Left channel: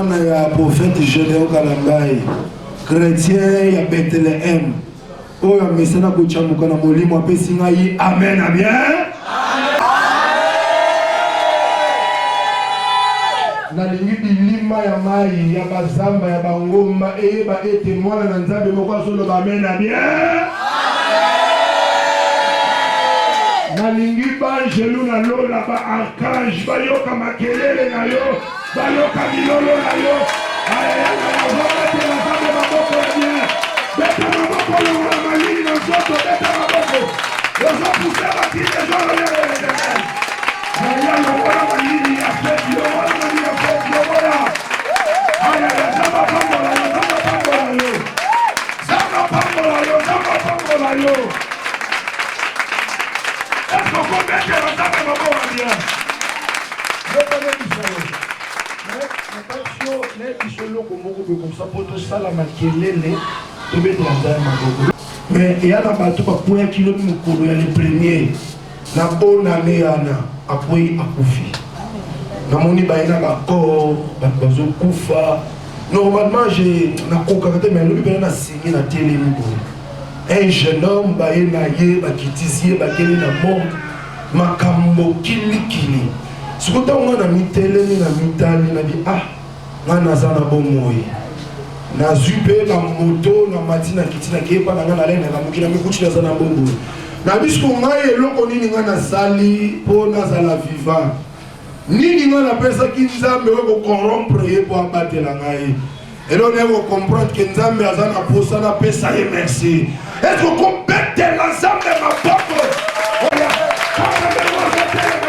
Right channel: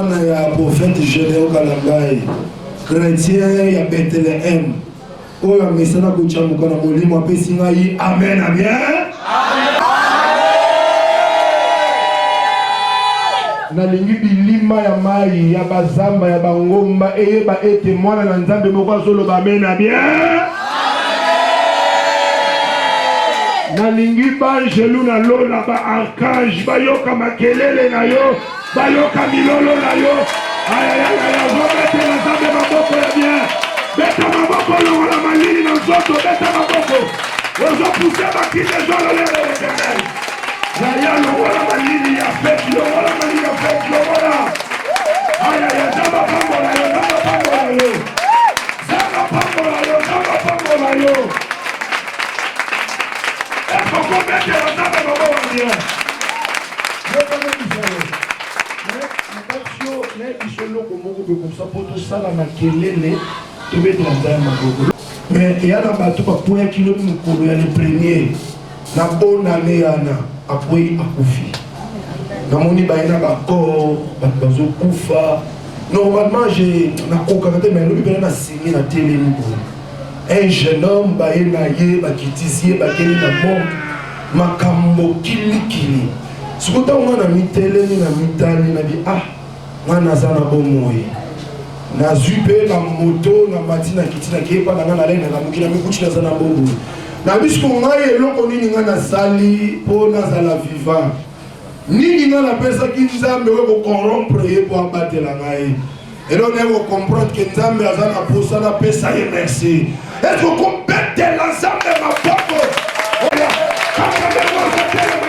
Le prophète Gédéon Kalambaye, chrétien ya Bethléem. Oh, ya mesana kuchamuka na molimo apesi ngai. Amen, bien. Amen. Nalingi bilima ya mai ya bazamba ya bangomba eyeba ete mwana na nzambe moko solo ba amen, bien. Nalingi banjelu na lola ba archange bayoka makelele na yo bayoka milolo na yo ayayaya vomete na nzambe maboko ya bien beta maboko longola malili na nzoto beta maboko ozopuse bakili ezololele lekemel zaya longola malili ya feti longola malili ya feti longola ayaya zamba pambola yo zamba pambola yo zamba pambola yo zamba pambola yo. Est-ce qu'on peut mettre la table au moment où on je connais Israël. Mais attention, les Israéliens comme ça pour tout ça la makelele, tout mettre la table au moment. Mais il y a un bateau pour point kilo de mukolo ya le premier. Na bonne année ana après akufi. Na moni baina ka ko bazo kufa. Normalement j'ai na kokakate mais lobi bena signé na télé miko. Un jeune homme baye na ye bakitizie bakeli na mort makambo kilikili sikuta ngana miteleni na mitali na di ngana zana bomoyi na zupe na moto na matina kitina kepa na ngana lena na mukina mikuchi na zana bombo na bisko ngai eloko nini ngana sali po na zala vivant nini ngana pesa kinzambe ko corrompre ye po abatela ngai. Et là, on va comprendre que Nzambe a zana posa na pesa ye merci. Est-ce qu'on complète l'ensemble de ma popo? Oya, quand on va voir ce tel ma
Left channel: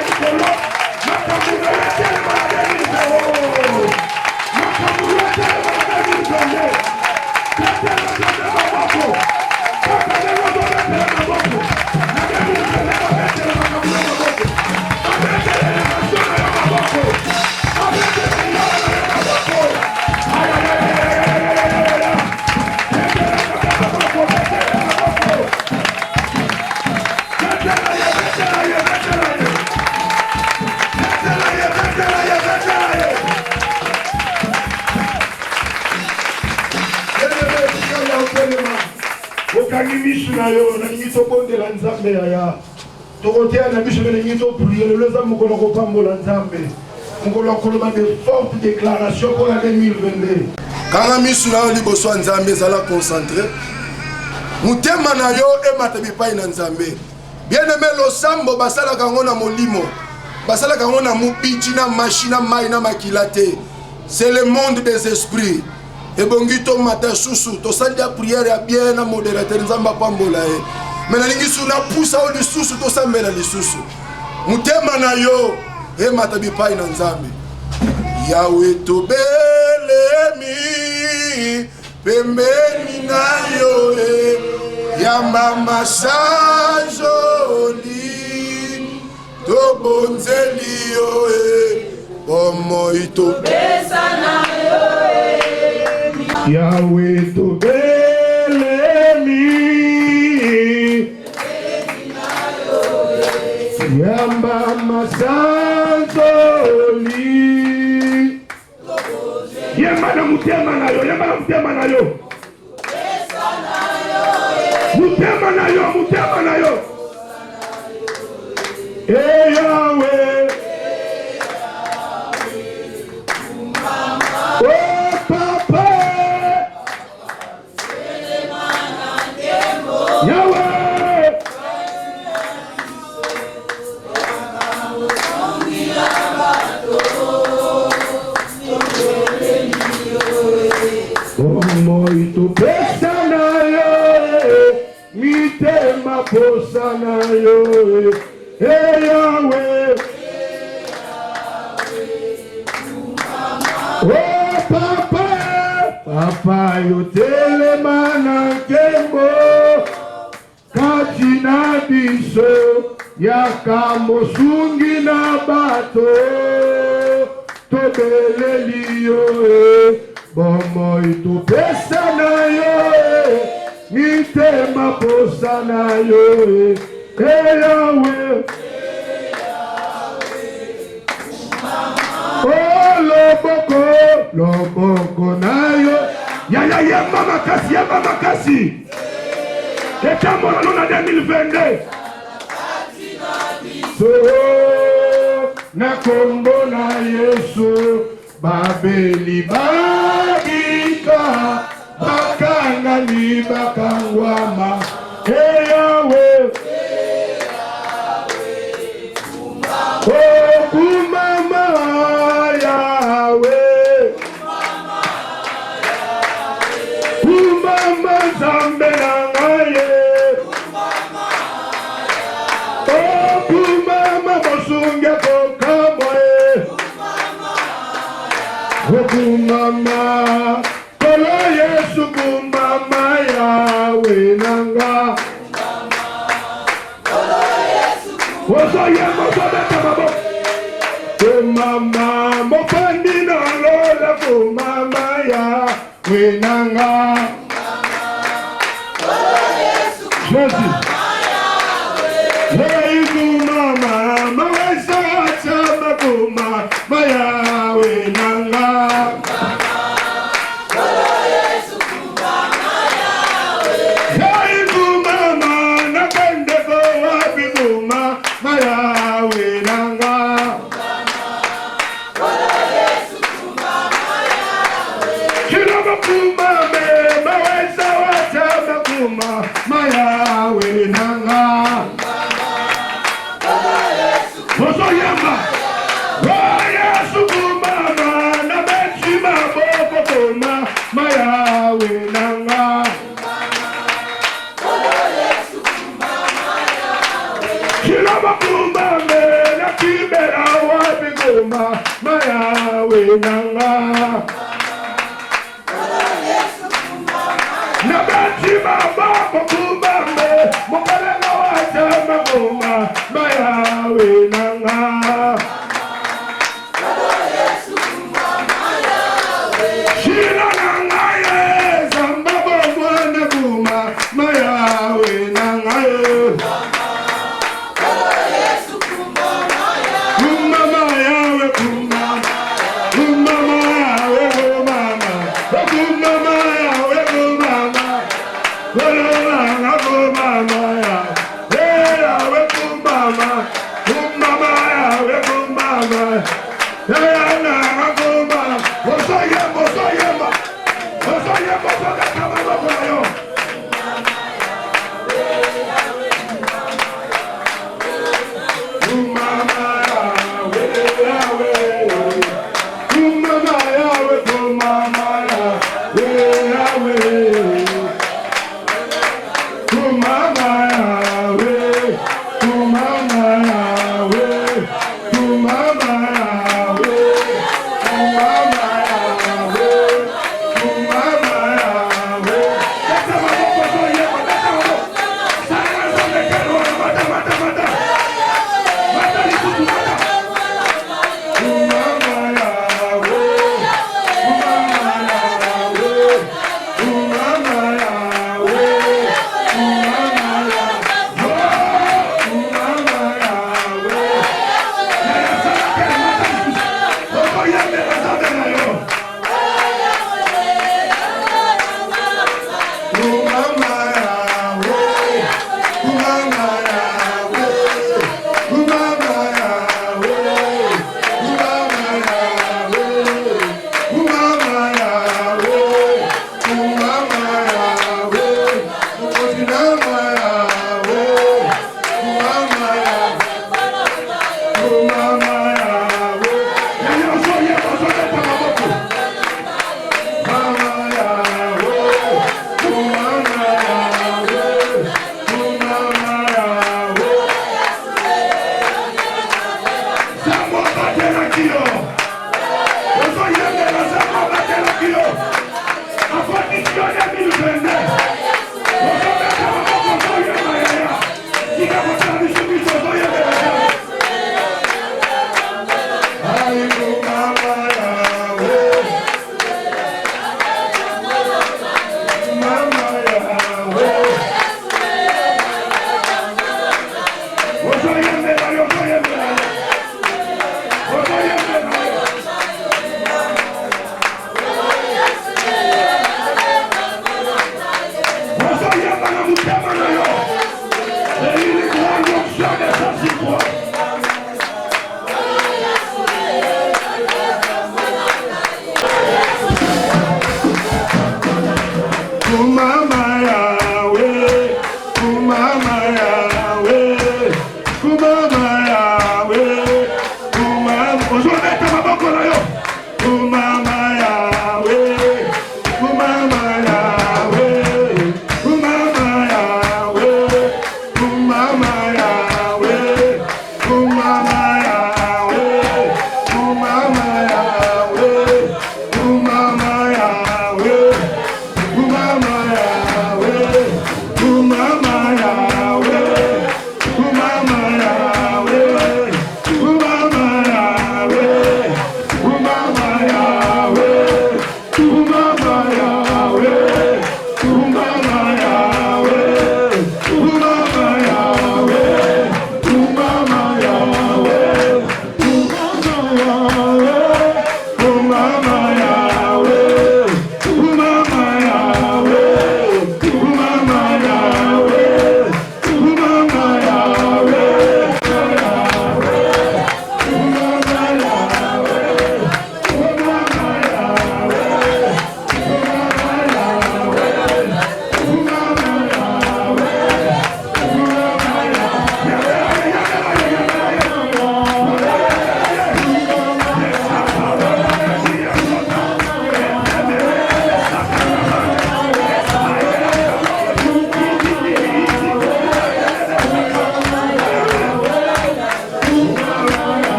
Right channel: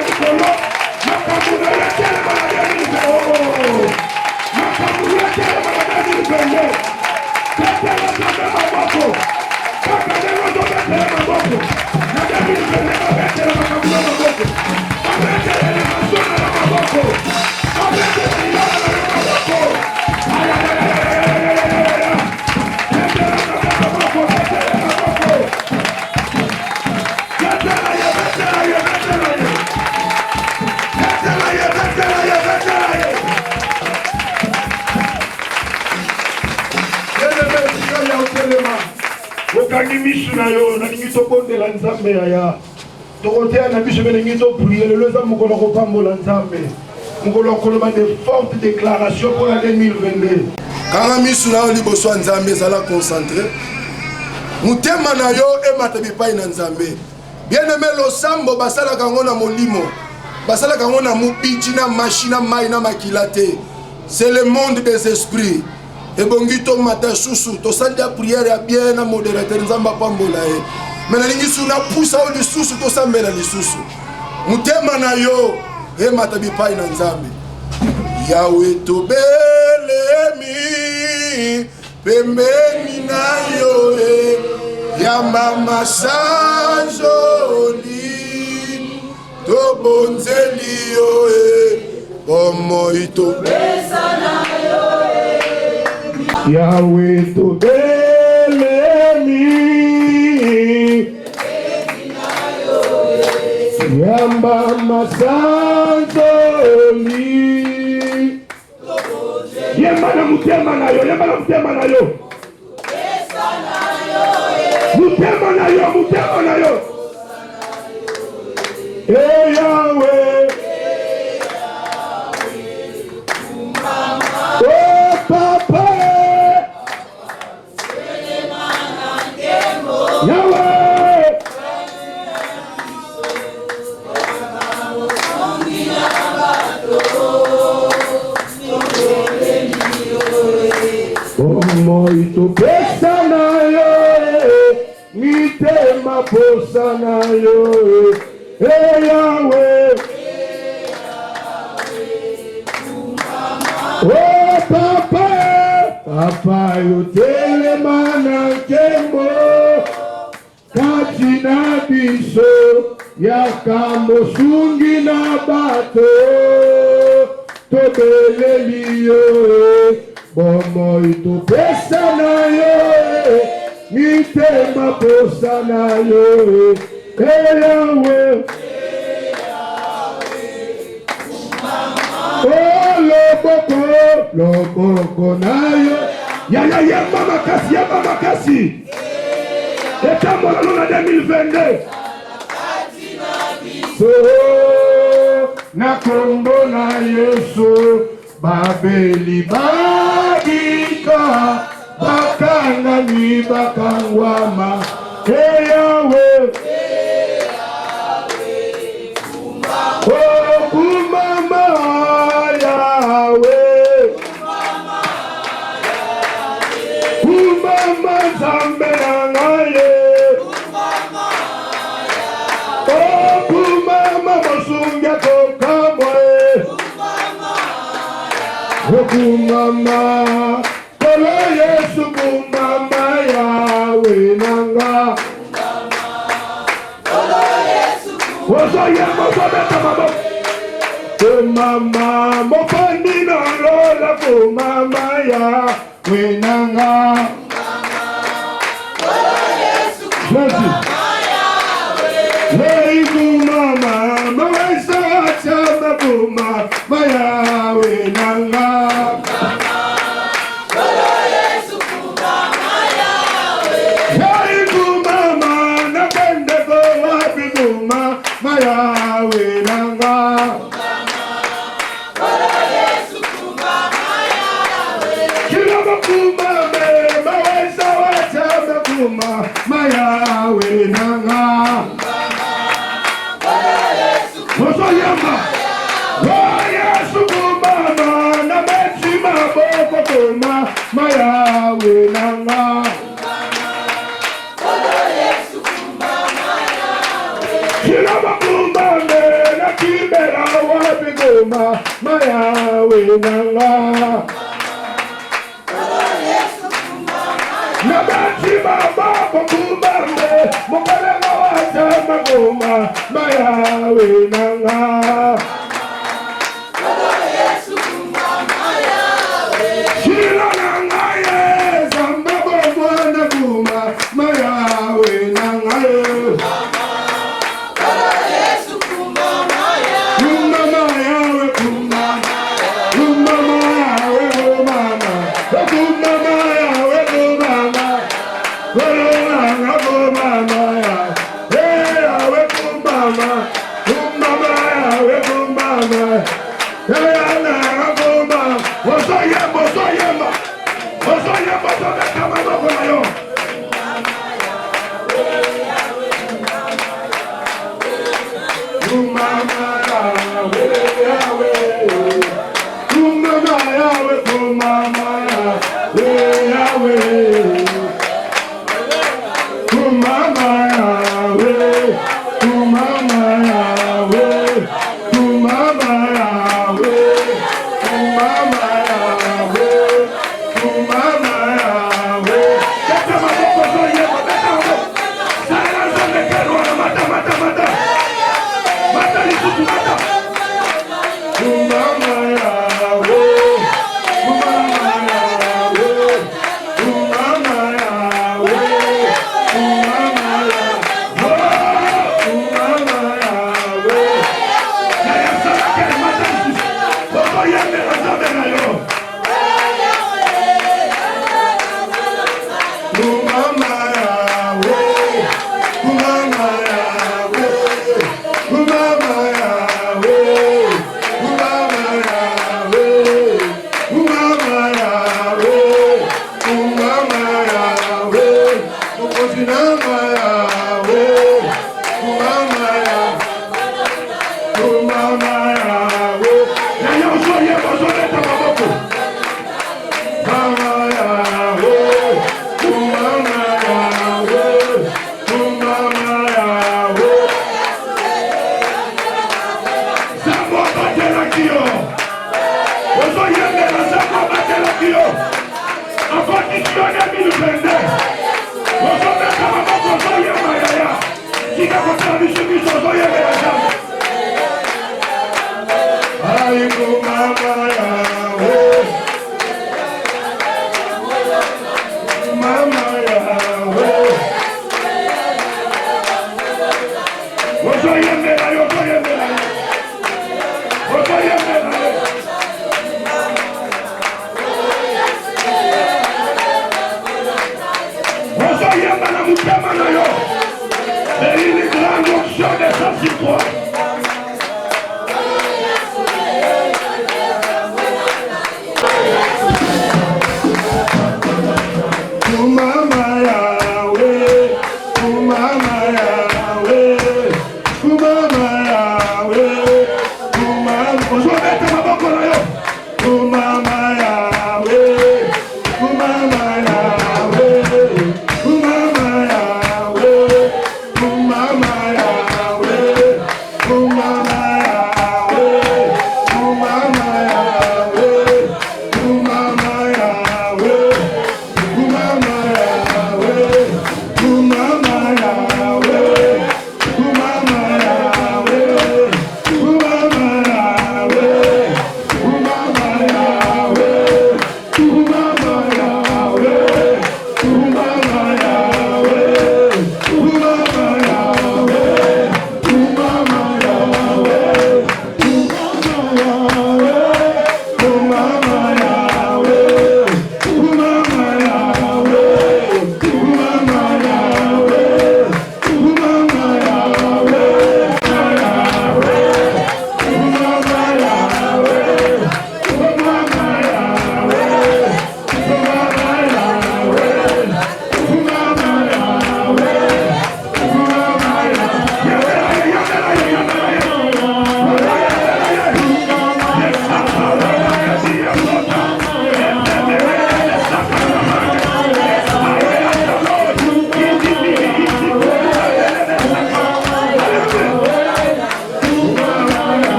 misu na yo na ngiso bondela nzambe ya tokotea na biso bene ngiso prier le leza mukolo ko pambola nzambe mukolo ko lema de forte déclaration pour l'année 2022 kanga misu na yo liboso nzambe zala concentré mutema na yo emata bipai na nzambe bien aimé losambo basala kango na molimo basala kango na mupiji na machine mai na makilate c'est le monde des esprits. Et bongito matin sous to sanda prière ya bien na modérateur nzamba pambola e mais na lingi suna poussa au lisusu to sambela lisusu mutema na yo e matabi pai na nzambe yawe to belemi pembeni na yo e yamba masanjoli to bonzeli yo e bomo ito besana yo Yahweh to belemi Yamba masanzoli Yamba na mutema na yo Yamba na mutema na yo Mutema na yo Mutema na yo Hey Yahweh Oh Papa Posana yo, hey Yahweh, oh Papa, Papa yo telemana kembo, katina biso, yakamo sungi na bato, tobeleli yo, bomo ito pesana yo. Itema posana yo, Yahweh, oh lo boko. loboko na yo. Ya yamba makasi. Etambola na 2022. Na kombo na Yesu babeli badika bakanga ni bakangwama Yawe kumama Yawe kumama zambe nangaye kumama mosunga kokamwe kumama kola Yesu kumama Yawe nanga kumama mopandi na lola kumama Yawe nanga hey kumama mawesa chama kumama Yawe nanga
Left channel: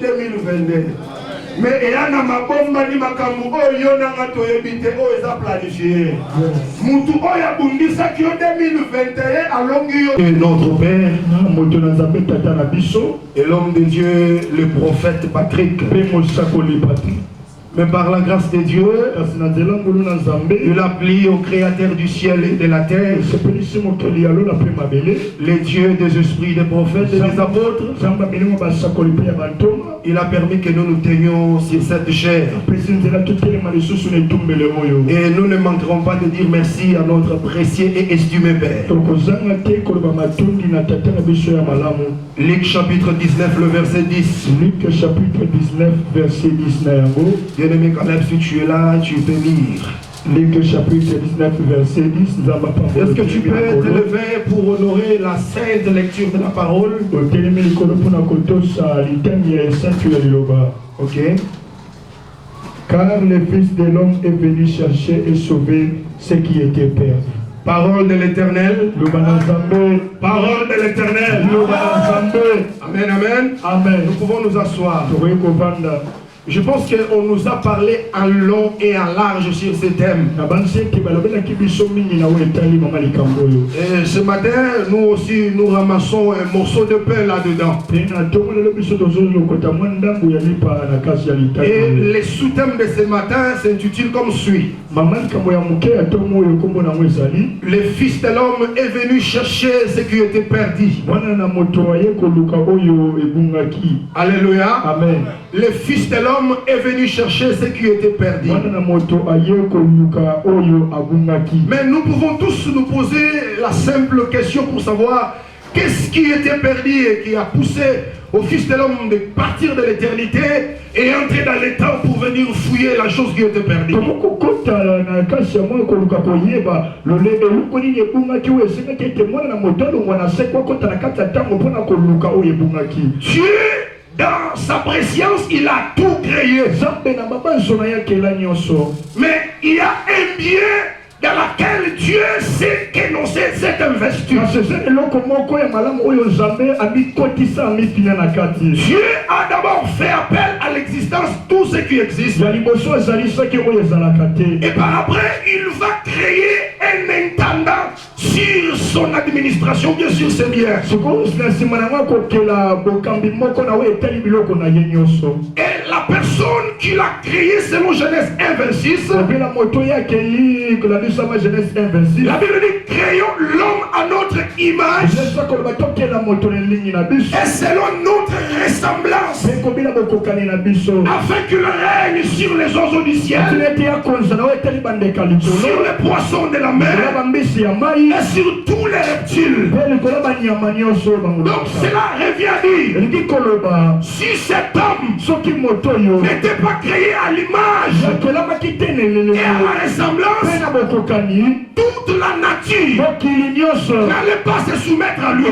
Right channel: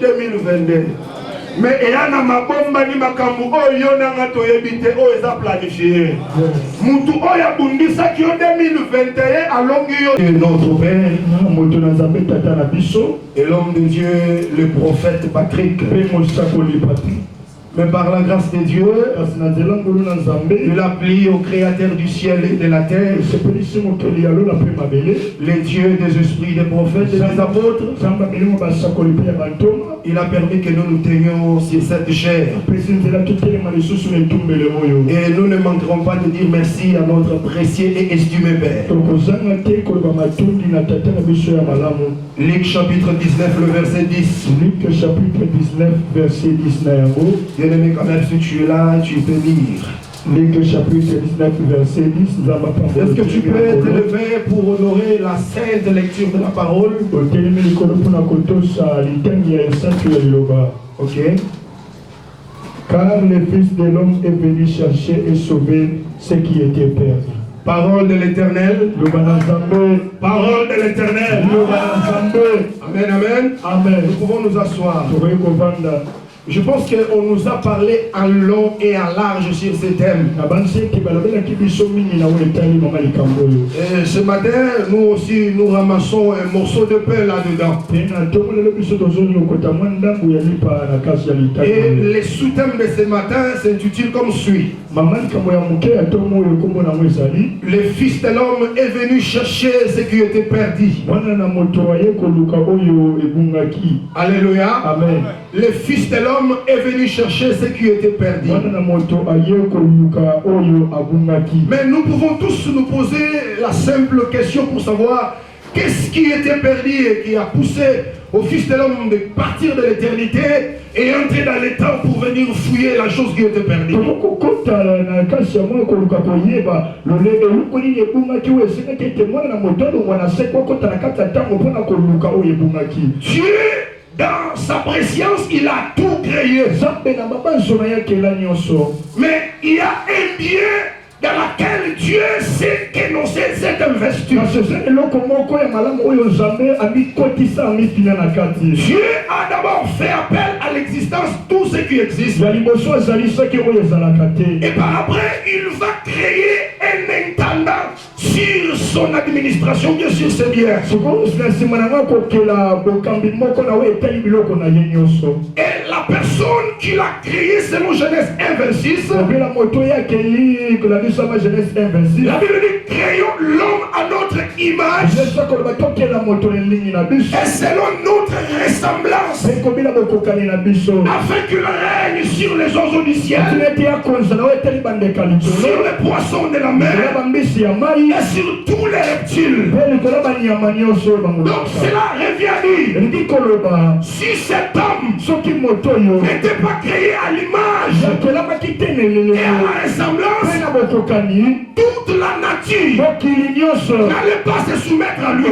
2022. Mais il y a un mabomba ni makambu oyo nanga toyebite oyo eza planifié. Mutu oyo abundisa ki 2021 alongi yo. Et notre père, et l'homme de Dieu, le prophète Patrick. Mais par la grâce de Dieu, il a plié au Créateur du ciel et de la terre, les dieux des esprits, des prophètes et des apôtres. Il a permis que nous nous tenions sur cette chair. Et nous ne manquerons pas de dire merci à notre précieux et estimé Père. Luc chapitre 19, le verset 10. Luc chapitre 19, verset 10. Bien-aimé, quand même, si tu es là, tu peux lire. Luc chapitre 19, verset 10. Est-ce que tu peux te lever pour honorer la sainte lecture de la parole? Ok. Car le Fils de l'homme est venu chercher et sauver ce qui était perdu. Parole de l'Éternel. Parole de l'Éternel. Amen, amen. Amen. Nous pouvons nous asseoir. Je pense qu'on nous a parlé en long et en large sur ce thème. Et ce matin, nous aussi, nous ramassons un morceau de pain là-dedans. Et les sous-thèmes de ce matin s'intitulent comme suit. Le Fils de l'homme est venu chercher ce qui était perdu. Alléluia. Amen. Le Fils de l'homme est venu chercher ce qui était perdu. Mais nous pouvons tous nous poser la simple question pour savoir qu'est-ce qui était perdu et qui a poussé au Fils de l'homme de partir de l'éternité et entrer dans les temps pour venir fouiller la chose qui était perdue. Dieu, dans sa préscience, il a tout créé. Mais il y a un bien dans laquelle Dieu sait qu'énoncer cette investiture. Dieu a d'abord fait appel à l'existence tout ce qui existe. Et par après, il va créer un intendant sur son administration, bien sûr c'est bien. Et la personne qui l'a créé selon Genèse 1:26, la Bible dit créons l'homme à notre image et selon notre ressemblance, afin qu'il règne sur les oiseaux du ciel, sur les poissons de la mer et sur tous les reptiles. Donc cela revient à dire, si cet homme n'était pas créé à l'image et à la ressemblance, toute la nature n'allait pas se soumettre à lui.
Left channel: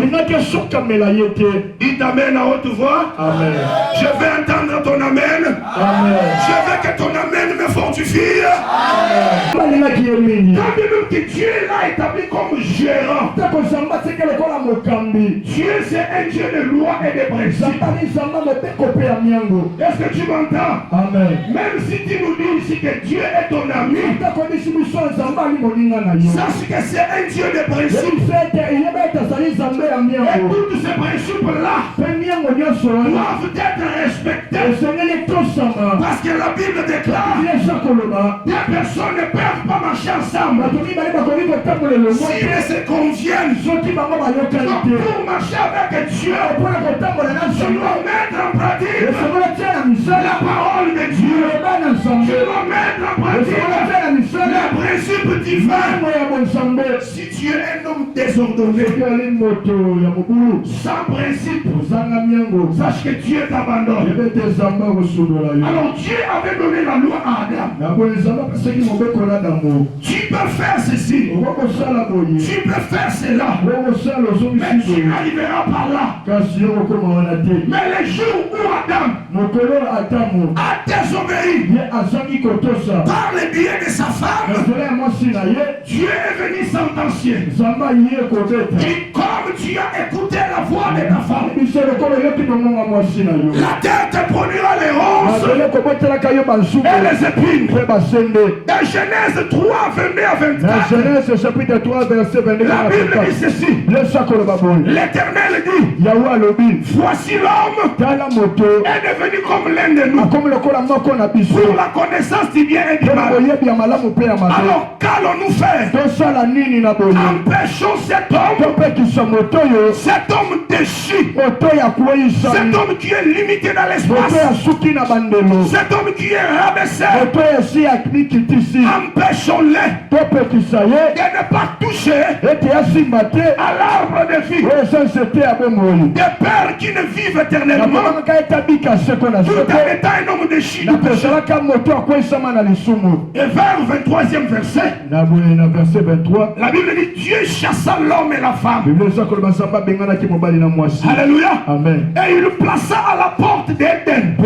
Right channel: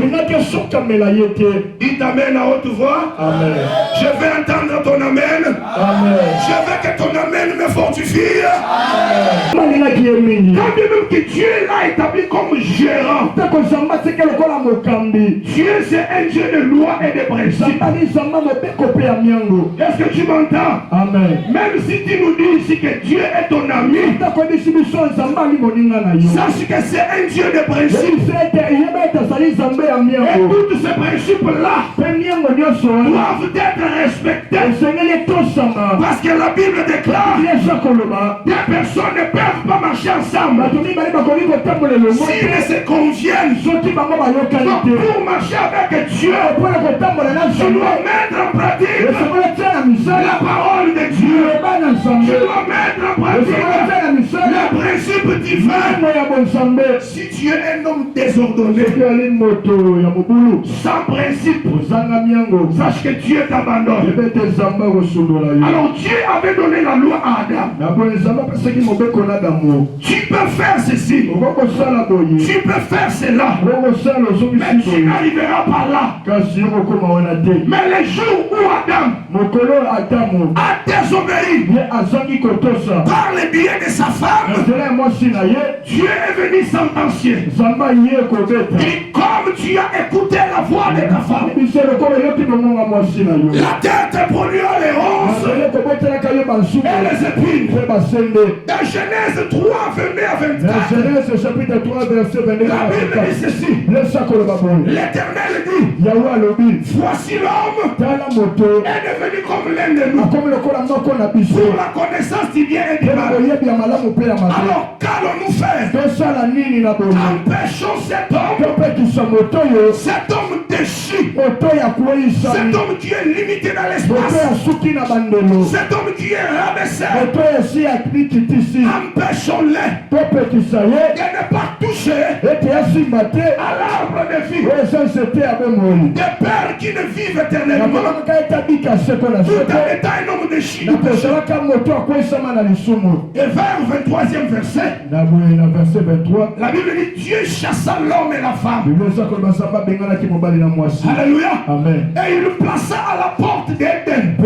Dites amen à haute voix. Amen. Je vais entendre ton amen. Amen. Je veux que ton amen me fortifie. Amen. Quand bien même que Dieu l'a établi comme gérant, Dieu c'est un Dieu de loi et de principes. Est-ce que tu m'entends? Amen. Même si tu nous dis ici que Dieu est ton ami, sache que c'est un Dieu de principes. Et tous ces principes-là doivent être respectés. Parce que la Bible déclare des personnes ne peuvent pas marcher ensemble s'ils ne se conviennent. Donc pour marcher avec Dieu, tu dois mettre en pratique la parole de Dieu. Tu dois mettre en pratique les principes divins. Si tu es un homme désordonné, sans principe, sache que Dieu t'abandonne. Alors Dieu avait donné la loi à Adam. Tu peux faire ceci, tu peux faire cela, mais tu n'arriveras pas là. Mais les jours où Adam a désobéi par le biais de sa femme, Dieu est venu sentencier. Et comme tu as écouté la voix de ta femme, la terre te produira les ronces et les épines. Dans Genèse 3, 22 à 24, la Bible dit ceci. L'Éternel dit, voici l'homme est devenu comme l'un de nous pour la connaissance du bien et du mal. Alors qu'allons-nous faire? Empêchons cet homme déchu, cet homme qui est limité dans l'espace, cet homme qui est rabaissé. Empêchons-les de ne pas toucher à l'arbre de vie des pères qui ne vivent éternellement tout en étant un homme déchu. Et vers 23e verset, la Bible dit Dieu chassa l'homme et la femme. Alléluia. Amen. Et il plaça à la porte d'Éden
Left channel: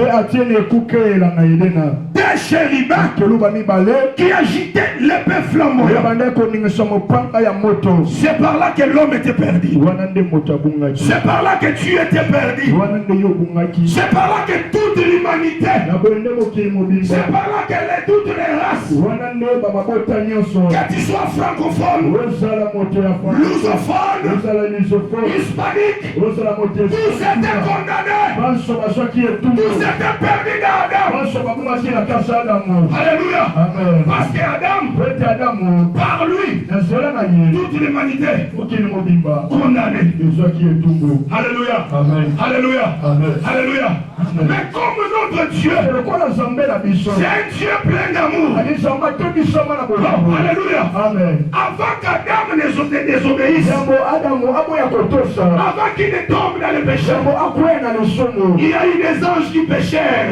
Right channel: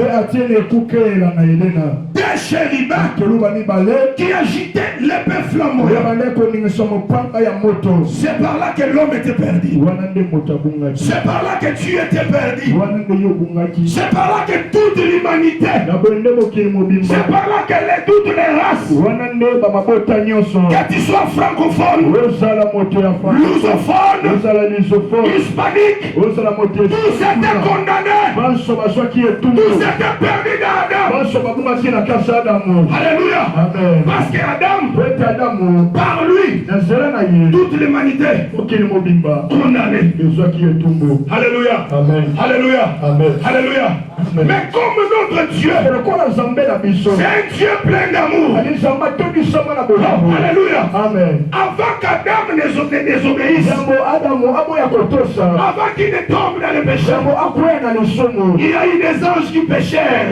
des chérubins qui agitaient l'épée flamboyante. C'est par là que l'homme était perdu. C'est par là que tu étais perdu. C'est par là que toute l'humanité, c'est par là que toutes les races, que tu sois francophone, lusophone, hispanique, tous étaient condamnés, tous étaient perdus d'Adam. Alléluia. Parce que Adam, par lui, toute l'humanité condamnée. Alléluia. Alléluia. Alléluia. Mais comme notre Dieu, c'est un Dieu plein d'amour. Alléluia. Avant qu'Adam ne désobéisse, avant qu'il ne tombe dans le péché, il y a eu des anges qui péchèrent.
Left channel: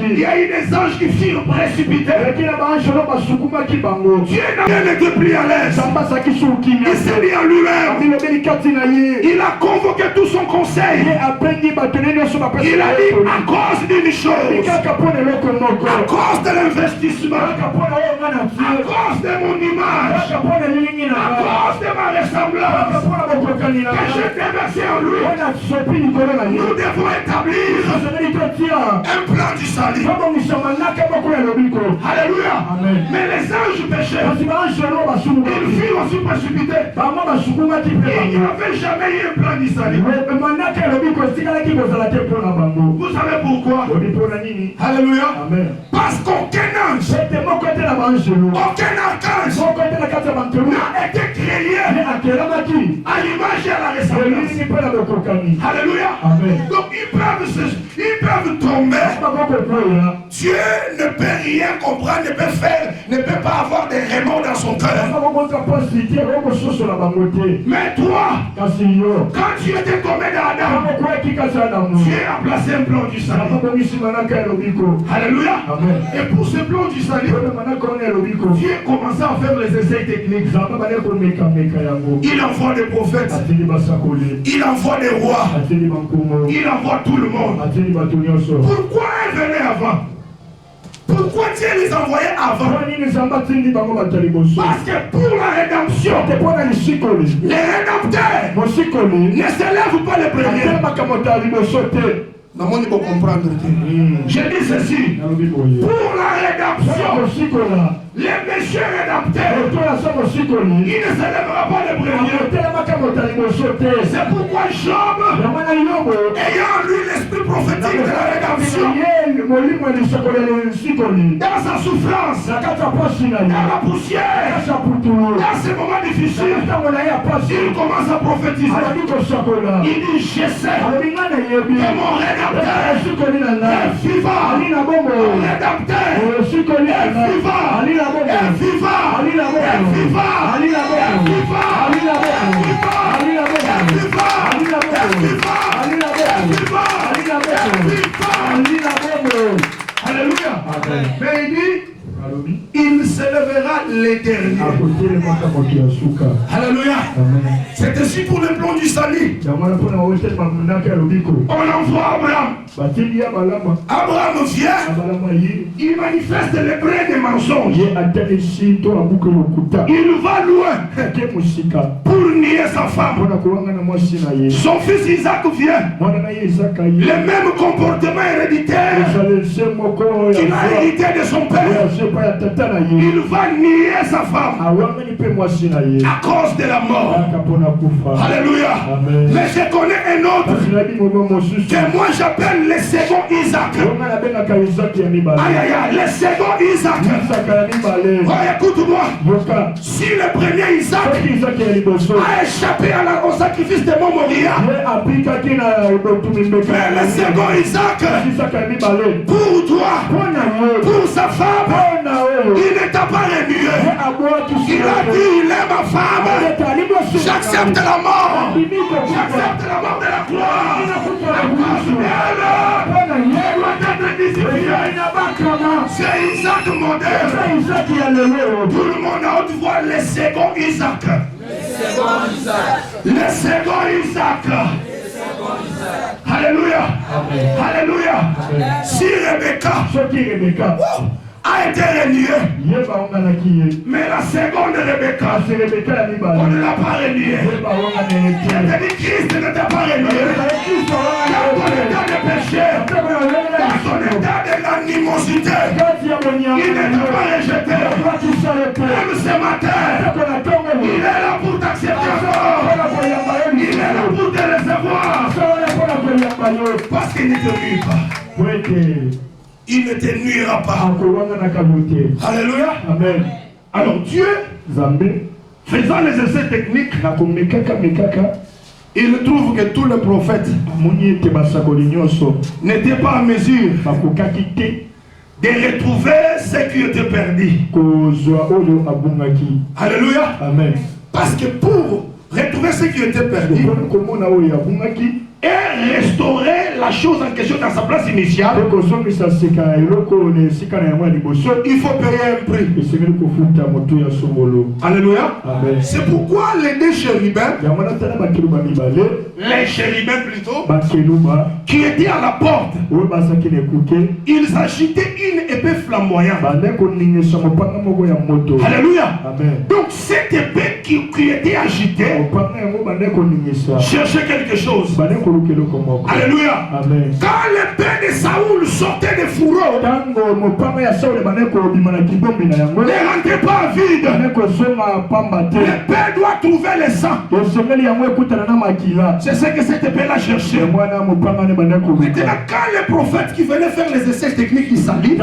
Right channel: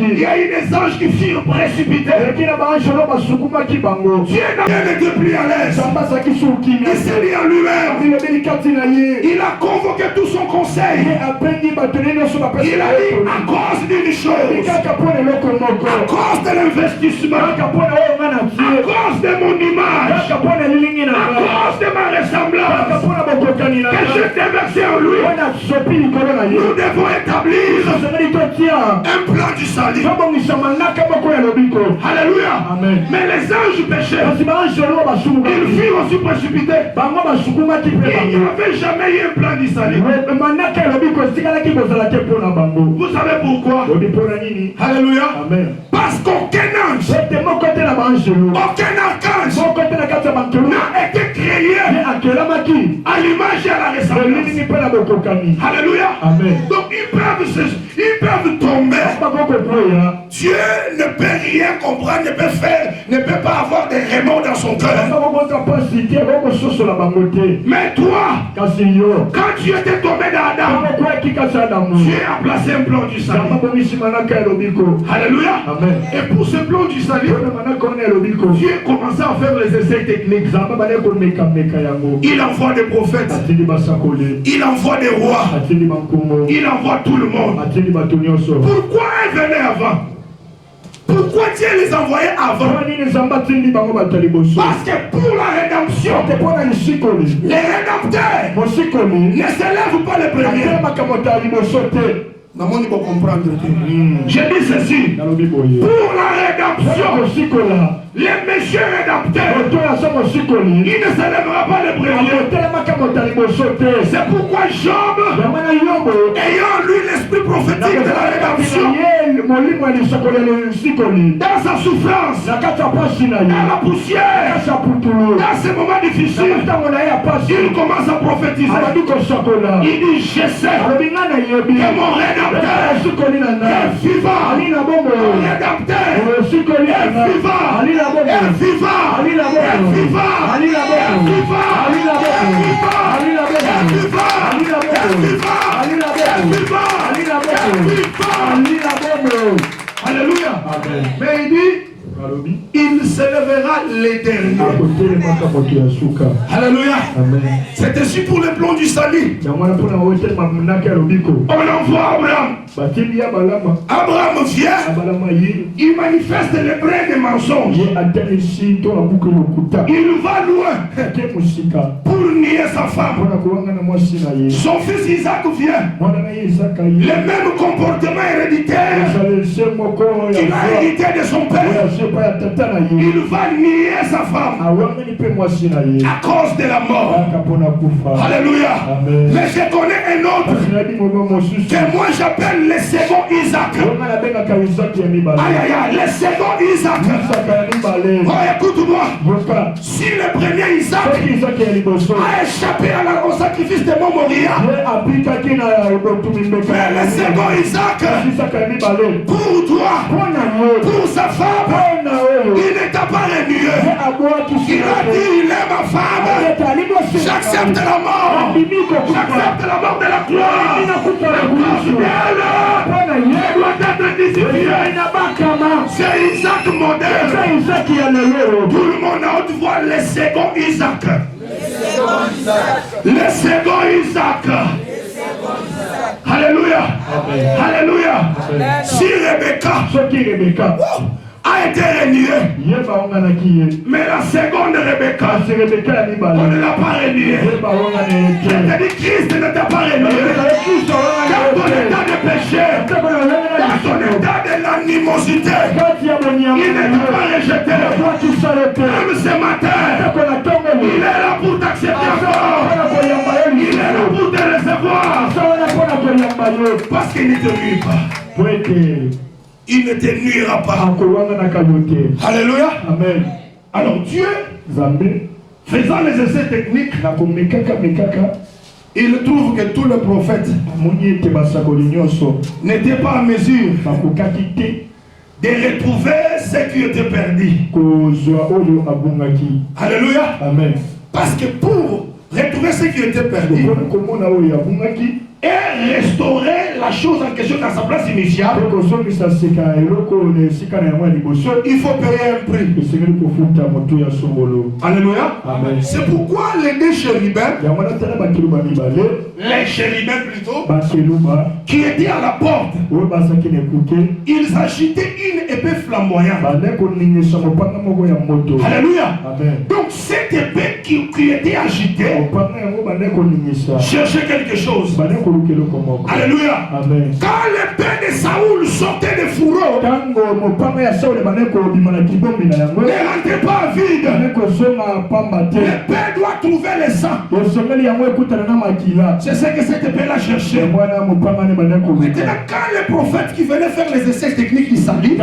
Il y a eu des anges qui firent précipiter. Dieu n'a été plus à l'aise. Il s'est dit en lui-même. Il a convoqué tout son conseil. Il a dit à cause d'une chose, à cause de l'investissement, à cause de mon image, à cause de ma ressemblance que je déversé en lui, nous devons établir un plan du salut. Alléluia. Mais les anges pécheurs, ils furent aussi précipités. Il n'y avait jamais eu un plan du salut. Vous savez pourquoi? Alléluia. Parce qu'aucun ange, aucun archange n'a été créé à l'image et à la ressemblance. Alléluia. Donc ils peuvent tomber. Dieu ne peut rien comprendre, ne peut pas avoir des remords dans son cœur. Mais toi, quand tu étais tombé dans Adam, Dieu a placé un plan du salut. Alléluia. Et pour ce plan du salut, Dieu commençait à faire les essais techniques. Il envoie des prophètes, il envoie des rois, il envoie tout le monde. Pourquoi elle venait avant? Pourquoi Dieu les envoyait avant? Parce que pour la rédemption, les rédempteurs ne s'élèvent pas les premiers. Je dis ceci. Pour la rédemption, les méchants rédempteurs, il ne s'élèvera pas les premiers. C'est pourquoi Job, ayant lu l'esprit prophétique de la rédemption, dans sa souffrance, dans la poussière, dans ces moments difficiles, il commence à prophétiser. Il dit, je sais que mon rédempteur est vivant. Rédempteur est vivant. Elle viva! Alléluia! Mais il dit, il il s'élèvera l'éternel. Alléluia. C'est ainsi pour le plan du salut. On envoie Abraham. Abraham vient. Il manifeste les brins des mensonges. Il va loin pour nier sa femme. Son fils Isaac vient. Le même comportement héréditaire qu'il a hérité de son père. Il va nier sa femme à cause de la mort. Alléluia. Mais je connais un autre que moi j'appelle le second Isaac. Aïe aïe aïe, le second Isaac. Oh, écoute-moi. Si le premier Isaac a échappé au sacrifice de mon Moria, mais le second Isaac, pour toi, pour sa femme, il ne t'a pas renié. Il a dit, il est ma femme. J'accepte la mort. J'accepte la mort de la gloire. C'est Isaac modèle. Tout le monde a haute voix, le second Isaac. Le second Isaac. Alléluia. Alléluia. Si Rebecca a été reniée, mais la seconde Rebecca, on ne l'a pas reniée. C'est-à-dire Christ ne t'a pas renié. Dans ton état de péché, dans ton état de l'animosité, il ne t'a pas rejeté. Même ce matin, il est là pour t'accepter encore. Il est là pour te recevoir. Parce qu'il ne te nuit pas. Il ne te nuira pas. Alléluia. Amen. Alors Dieu, faisant les essais techniques, il trouve que tous les prophètes n'étaient pas en mesure de retrouver ce qui était perdu. Alléluia. Amen. Parce que pour retrouver ce qui était perdu et restaurer la chose en question dans sa place initiale, il faut payer un prix. Alléluia. C'est pourquoi les deux chérubins, les chérubins plutôt, qui étaient à la porte, ils agitaient une épée flamboyante. Alléluia. Donc cette épée qui était agitée cherchait quelque chose. Alléluia. Quand l'épée de Saoul sortait des fourreaux, ne rentrez pas vide. L'épée doit trouver le sang. C'est ce que cette épée-là cherchait. Maintenant, quand les prophètes qui venaient faire les essais techniques du salut,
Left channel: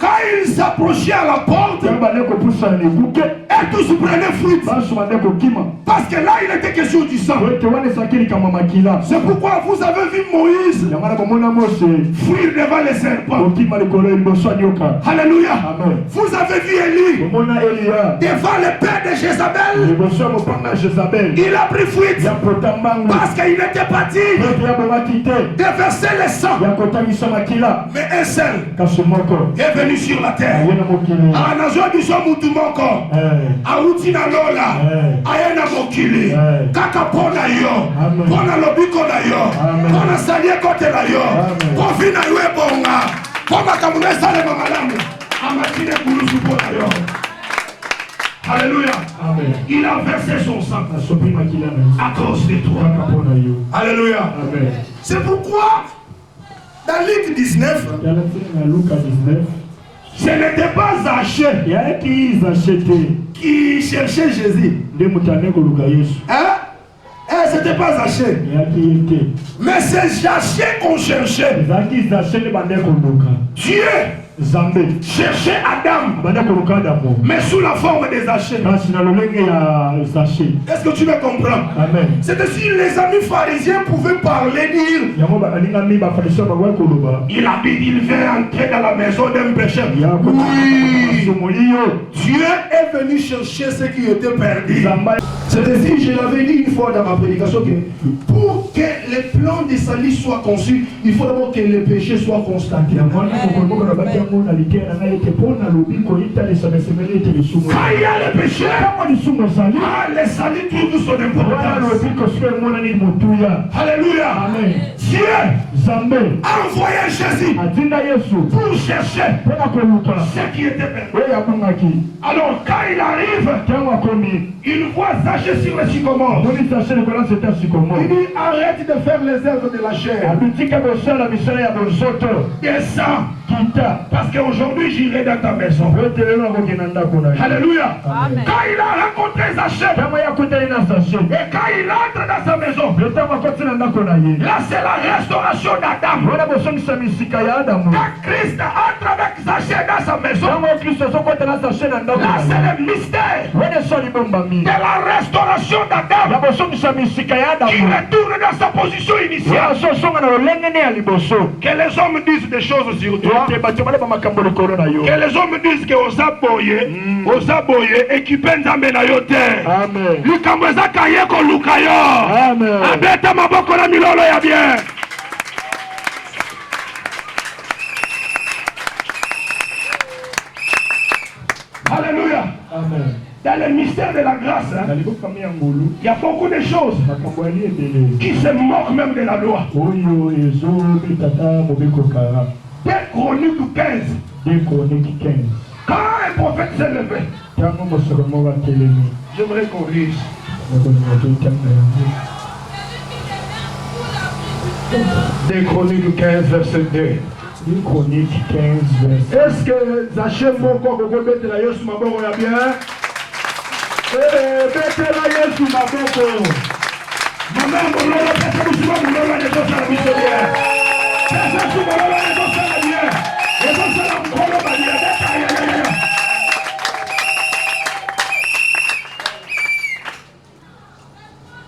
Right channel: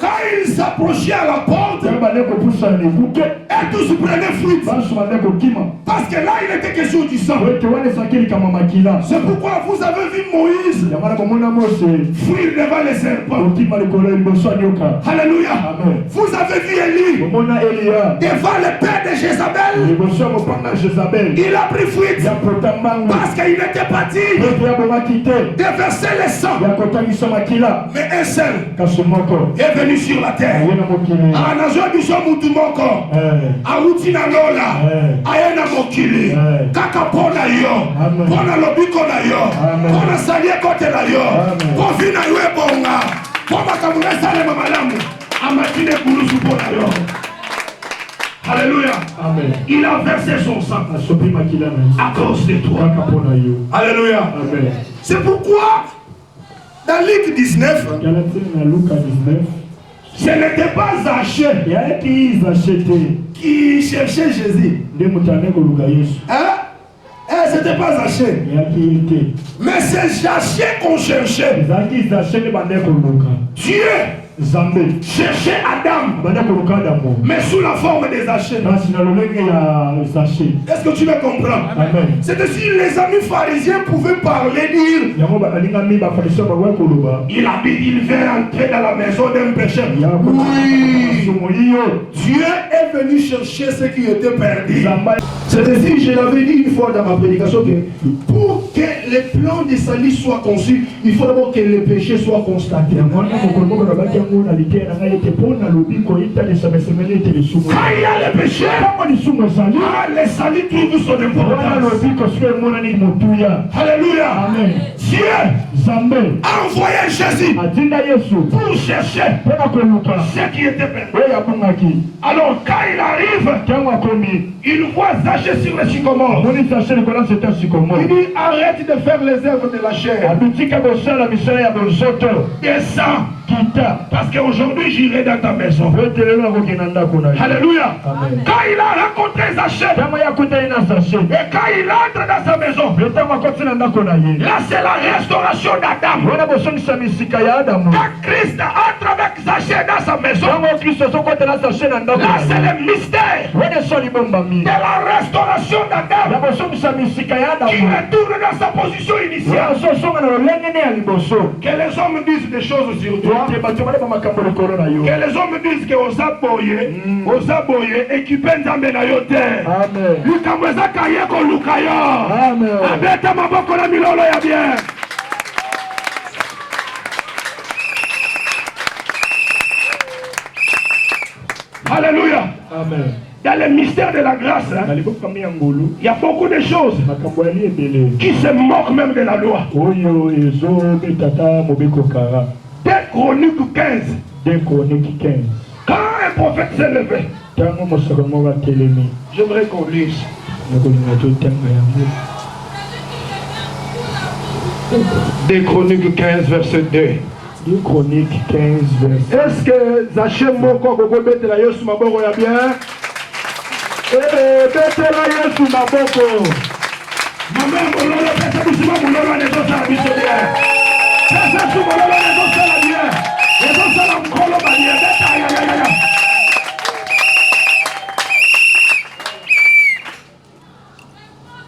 quand ils s'approchaient à la porte, et tous prenaient fruit. Parce que là, il était question du sang. C'est pourquoi vous avez vu Moïse fuir devant les serpents. Alléluia. Vous avez vu Élie devant le père de Jézabel. Il a pris fuite parce qu'il était parti de verser le sang. Mais un seul est venu sur la terre. Ayana mokili kaka pona yo pona lobiko na yo pona salie kote na yo profina yo ebonga poma kamuna sale mamalamu amatine kulusu pona yo. Alléluia. Amen. Il a versé son sang à cause de toi. Alléluia. Amen. C'est pourquoi dans Luc 19, ce n'était pas Zachée qui cherchait Jésus. Hein? C'était pas Zachée. Mais c'est Zachée qu'on cherchait. Dieu cherchait Adam, mais sous la forme des Zachée. Est-ce que tu me comprends? C'est si les amis pharisiens pouvaient parler, dire il vient entrer dans la maison d'un pécheur. Oui, Dieu est venu chercher ce qui était perdu. C'est ainsi, je l'avais dit une fois dans ma prédication, que pour que les plans de salut soient conçus, il faut d'abord que les péchés soient constatés. il y a le péché, le salut trouve son importance. Alléluia. Dieu a envoyé Jésus pour chercher ce qui était perdu. Alors quand il arrive, il voit Zachée sur le sycomore. Il dit arrête de faire les œuvres de la chair. Descends. Parce qu'aujourd'hui j'irai dans ta maison. Alléluia. Quand il a rencontré Zachée, et quand il entre dans sa maison, là c'est la restauration d'Adam. Quand Christ entre avec Zachée dans sa maison, là c'est le mystère de la restauration d'Adam qui retourne dans sa position initiale. Que les hommes disent des choses sur toi. Que les hommes disent que aux aboyés équipés nzambe na yo te. Likambo ezaka ye koluka yo. Abeta maboko na milolo ya bien. Alléluia. Amen. Dans le mystère de la grâce, il y a beaucoup de choses qui se moquent même de la loi. 2 Chroniques 15. Quand un prophète s'est levé, j'aimerais qu'on lise. 2 Chroniques 15, verset 2. 2 Chroniques 15, verset 2. Est-ce que Zachée moko kokobete la Yesu maboko ya bien? Bete la Yesu maboko. Maman mololo pesa musuma mololo ne tosa la biso bien. Pesa su mololo ne tosa la bien. Ne tosa la mololo ba bien. Beta ya.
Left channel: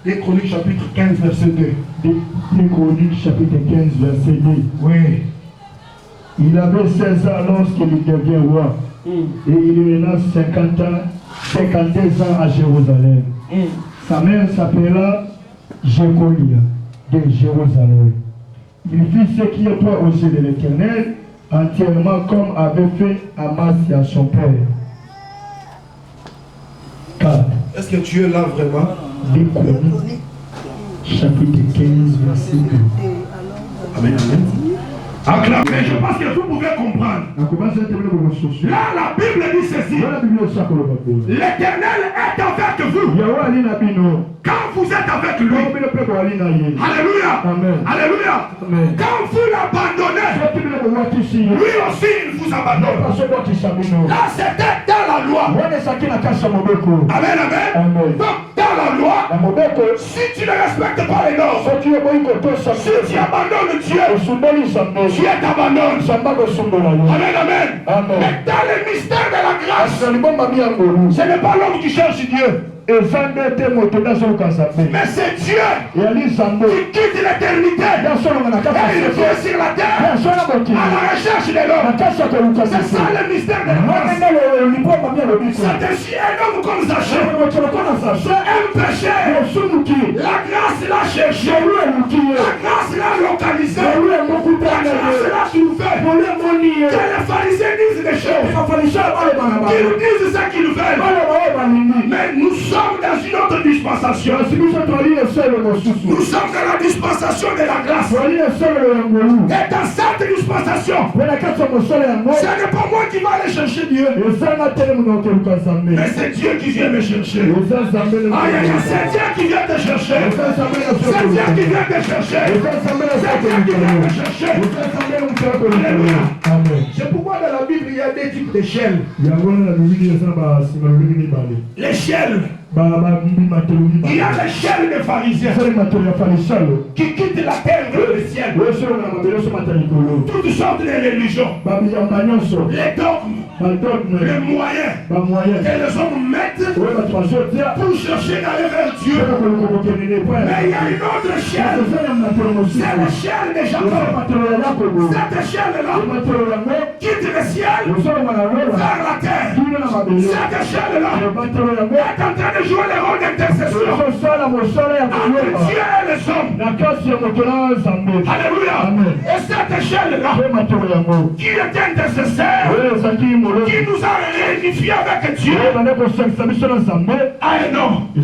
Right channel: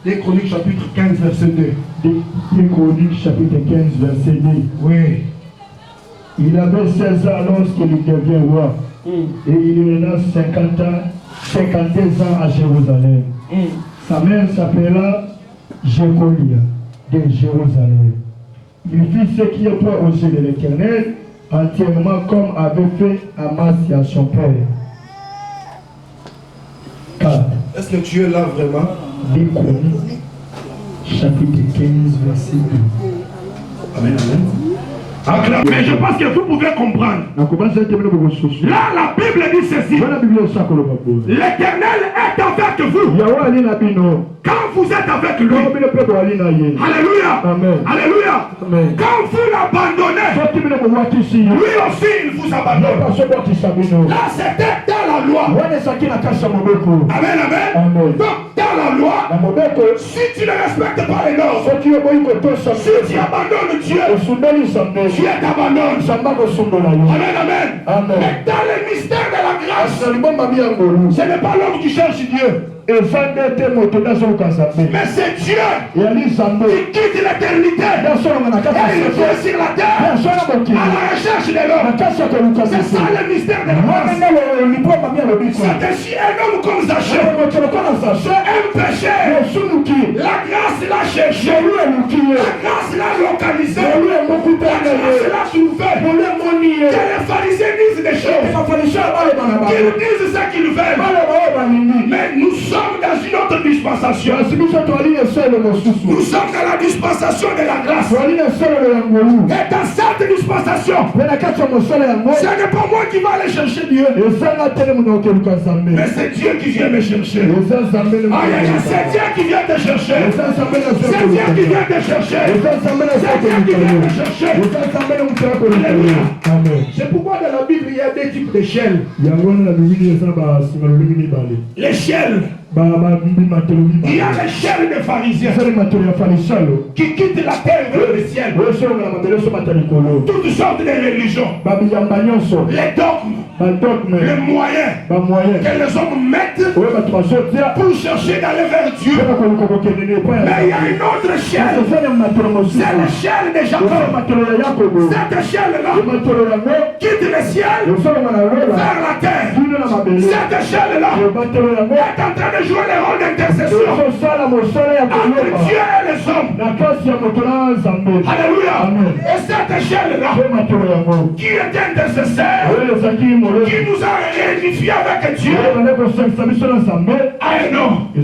2 Chroniques chapitre 15 verset 2. 2 Chroniques chapitre 15 verset 2. Oui. Il avait 16 ans lorsqu'il devient roi. Et il régna 52 ans à Jérusalem. Sa mère s'appela Jécolia de Jérusalem. Il fit ce qui est droit aux yeux de l'Éternel, entièrement comme avait fait Amasia son père. 4. Est-ce que tu es là vraiment? 2 Chroniques chapitre 15 verset 2. Amen, amen. Mais je pense que vous pouvez comprendre. Là, la Bible dit ceci. L'Éternel est avec vous. Quand vous êtes avec lui. Alléluia. Amen. Alléluia. Amen. Quand vous l'abandonnez, lui aussi il vous abandonne. Là, c'était dans la loi. Amen, amen. Donc, dans la loi, si tu ne respectes pas les normes, si tu abandonnes Dieu, Dieu t'abandonne. Amen, amen. Mais dans le mystère de la grâce, ce n'est pas l'homme qui cherche Dieu. Mais c'est Dieu qui quitte l'éternité et il vient sur la terre à la recherche de l'homme. C'est ça le mystère de la grâce. C'est ainsi un homme comme Zachée, un péché. La grâce l'a cherché, la grâce l'a localisé, la grâce l'a trouvé. Que les pharisiens disent des choses, qu'ils disent ce qu'ils veulent. Mais nous sommes dans une autre dispensation. Nous sommes dans la dispensation de la grâce. Et dans cette dispensation, ce n'est pas moi qui vais aller chercher Dieu, mais c'est Dieu qui vient me chercher. C'est Dieu qui vient te chercher. C'est Dieu qui vient te chercher. C'est Dieu qui vient te chercher. C'est pourquoi dans la Bible il y a des types d'échelles. L'échelle. Il y a l'échelle des pharisiens qui quittent la terre vers le ciel. Toutes sortes de religions, les dogmes, les moyens que les hommes mettent pour chercher d'aller vers Dieu. Mais il y a une autre échelle, c'est l'échelle de Jacob. Cette échelle-là quitte le ciel vers la terre. Cette échelle-là est en train de jouer le rôle d'intercession entre Dieu et les hommes. Alléluia. Et cette échelle-là qui est intercesseur, qui nous a réunifiés avec Dieu, a un nom. Et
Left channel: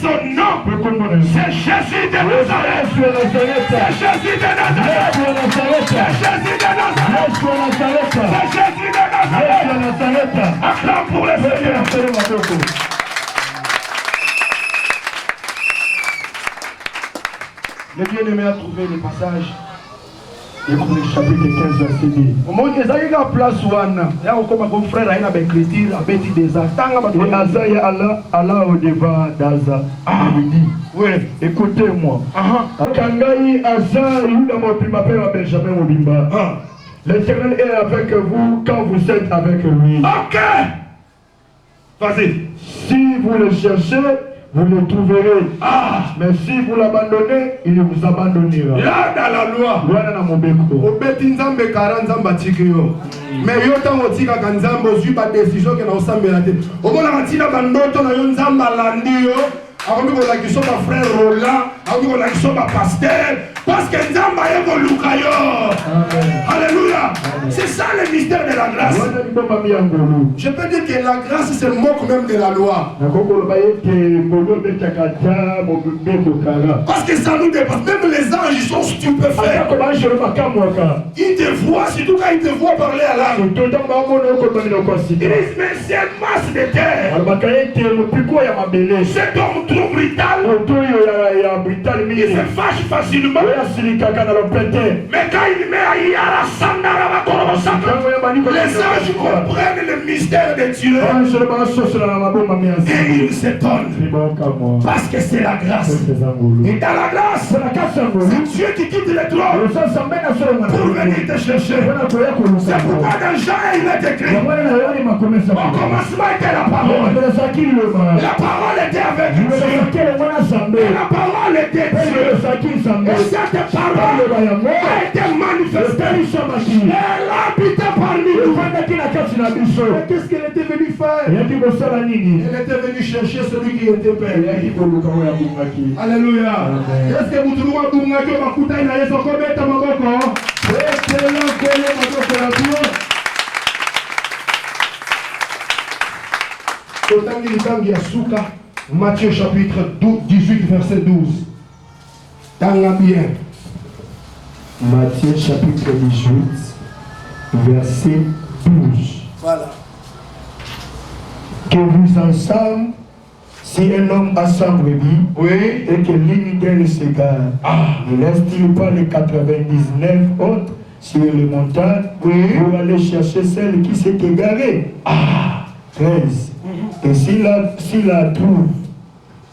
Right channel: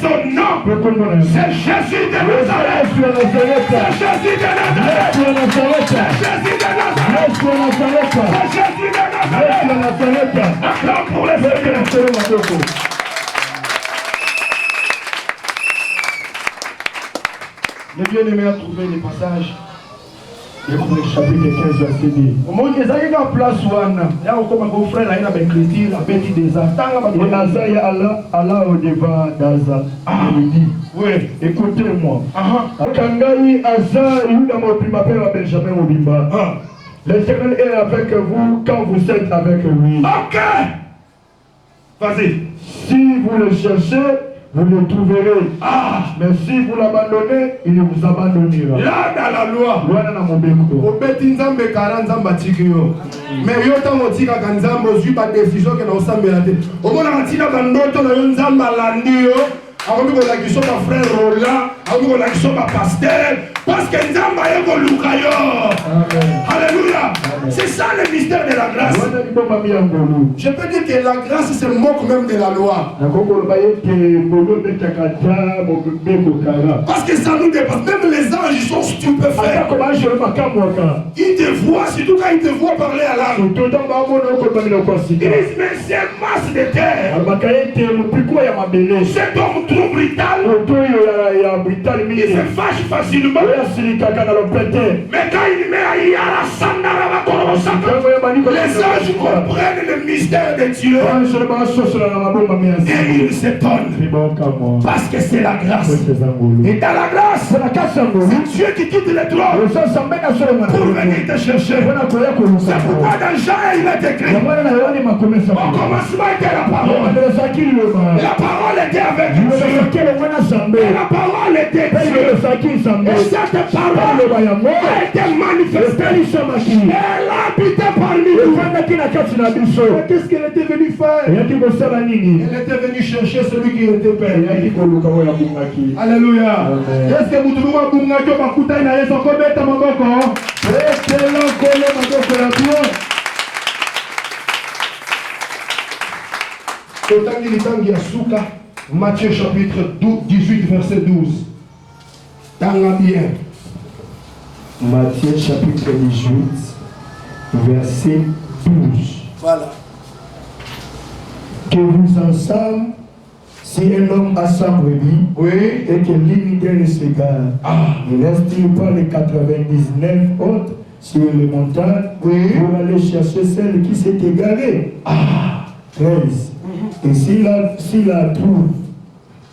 son nom, c'est Jésus de Nazareth. C'est Jésus de Nazareth. C'est Jésus de Nazareth. C'est Jésus de Nazareth. Acclame pour les Seigneurs. Les bien-aimés a trouvé les passages. Et pour le chapitre 15 verset 10. Au moins, ils ont une place où il y a encore mon frère qui a une écriture, un petit désastre. Et Azaïa Allah au devant d'Aza. Il dit, oui, écoutez-moi. Kangai Aza, Yuda Mopima, Père Benjamin Mobimba. L'Éternel est avec vous quand vous êtes avec lui. Ok. Vas-y. Si vous le cherchez, vous le trouverez. Mais si vous l'abandonnez, il vous abandonnera. Là, dans la loi, obeti nzambe 40 nzambe atiki yo. Mais yo ntango otikaka nzambe ozwi badécision ke na osambela te. Omonaka ntina bandoto na yo nzambe alandi yo. Akomi kolakisa bafrère Roland, akomi kolakisa bapasteur, parce que nzambe aye koluka yo. Alléluia. C'est ça le mystère de la grâce. Je peux dire que la grâce se moque même de la loi. Parce que ça nous dépasse. Même les anges sont stupéfaits. Ils te voient, surtout quand ils te voient parler à l'âme. Ils disent, mais c'est une masse de terre. Cet homme trop brutal. Il se fâche facilement. Mais quand il met à Yara Sandara, les anges comprennent le mystère de Dieu. Et ils s'étonnent. Parce que c'est la grâce. Et dans la grâce, c'est Dieu qui quitte le trône pour venir te chercher. C'est pourquoi dans Jean il est écrit, au commencement était la parole. La parole était avec Dieu. Et la parole était Dieu. Et cette parole a été manifestée. Elle a habité parmi nous. Qu'est-ce qu'elle était venue faire? Elle était venue chercher celui qui était père. Alléluia. Est-ce que vous trouvez que vous avez Matthieu chapitre 18 verset 12. Tanga bien. Matthieu chapitre 18 verset 12. Voilà. Que vous ensemble, si un homme a 100 brebis, Oui. et que l'une d'elles s'égare, ne reste-t-il pas les 99 autres sur les montagnes pour aller chercher celle qui s'est égarée? 13. Et s'il la trouve,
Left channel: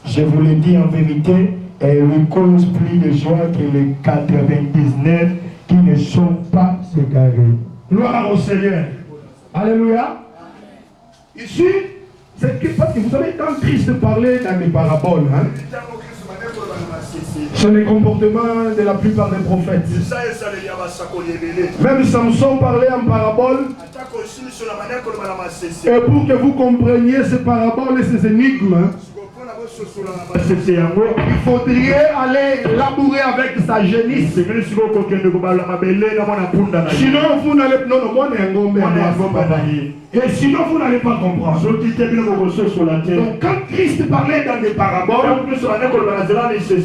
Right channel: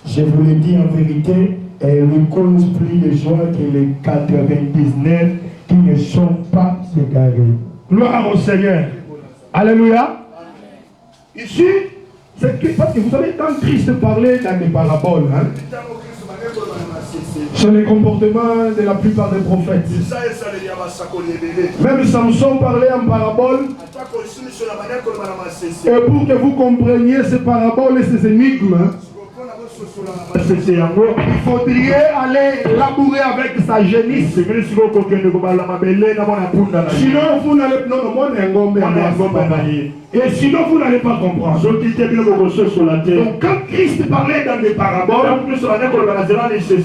je vous le dis en vérité, elle lui cause plus de joie que les 99 qui ne sont pas égarés. Gloire au Seigneur. Alléluia. Ici, c'est parce que vous savez, quand Christ parlait dans les paraboles, c'est le comportement de la plupart des prophètes. Même Samson parlait en parabole. Et pour que vous compreniez ces paraboles et ces énigmes, il faudrait aller labourer avec sa génisse. Sinon, vous n'allez pas. Et sinon, vous n'allez pas comprendre. Donc, quand Christ parlait dans des paraboles,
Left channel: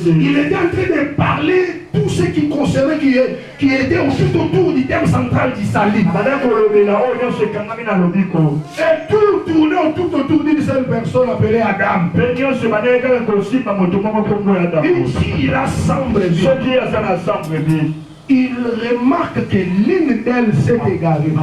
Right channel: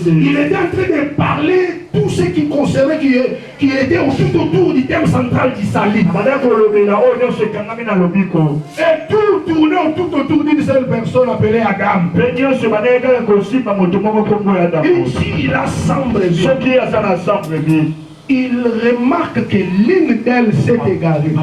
il était en train de parler tout ce qui concernait, qui était tout autour du thème central du salut. Et tout tournait tout autour d'une seule personne appelée Adam. Ici, il assemble. Il remarque que l'une d'elles s'est égarée.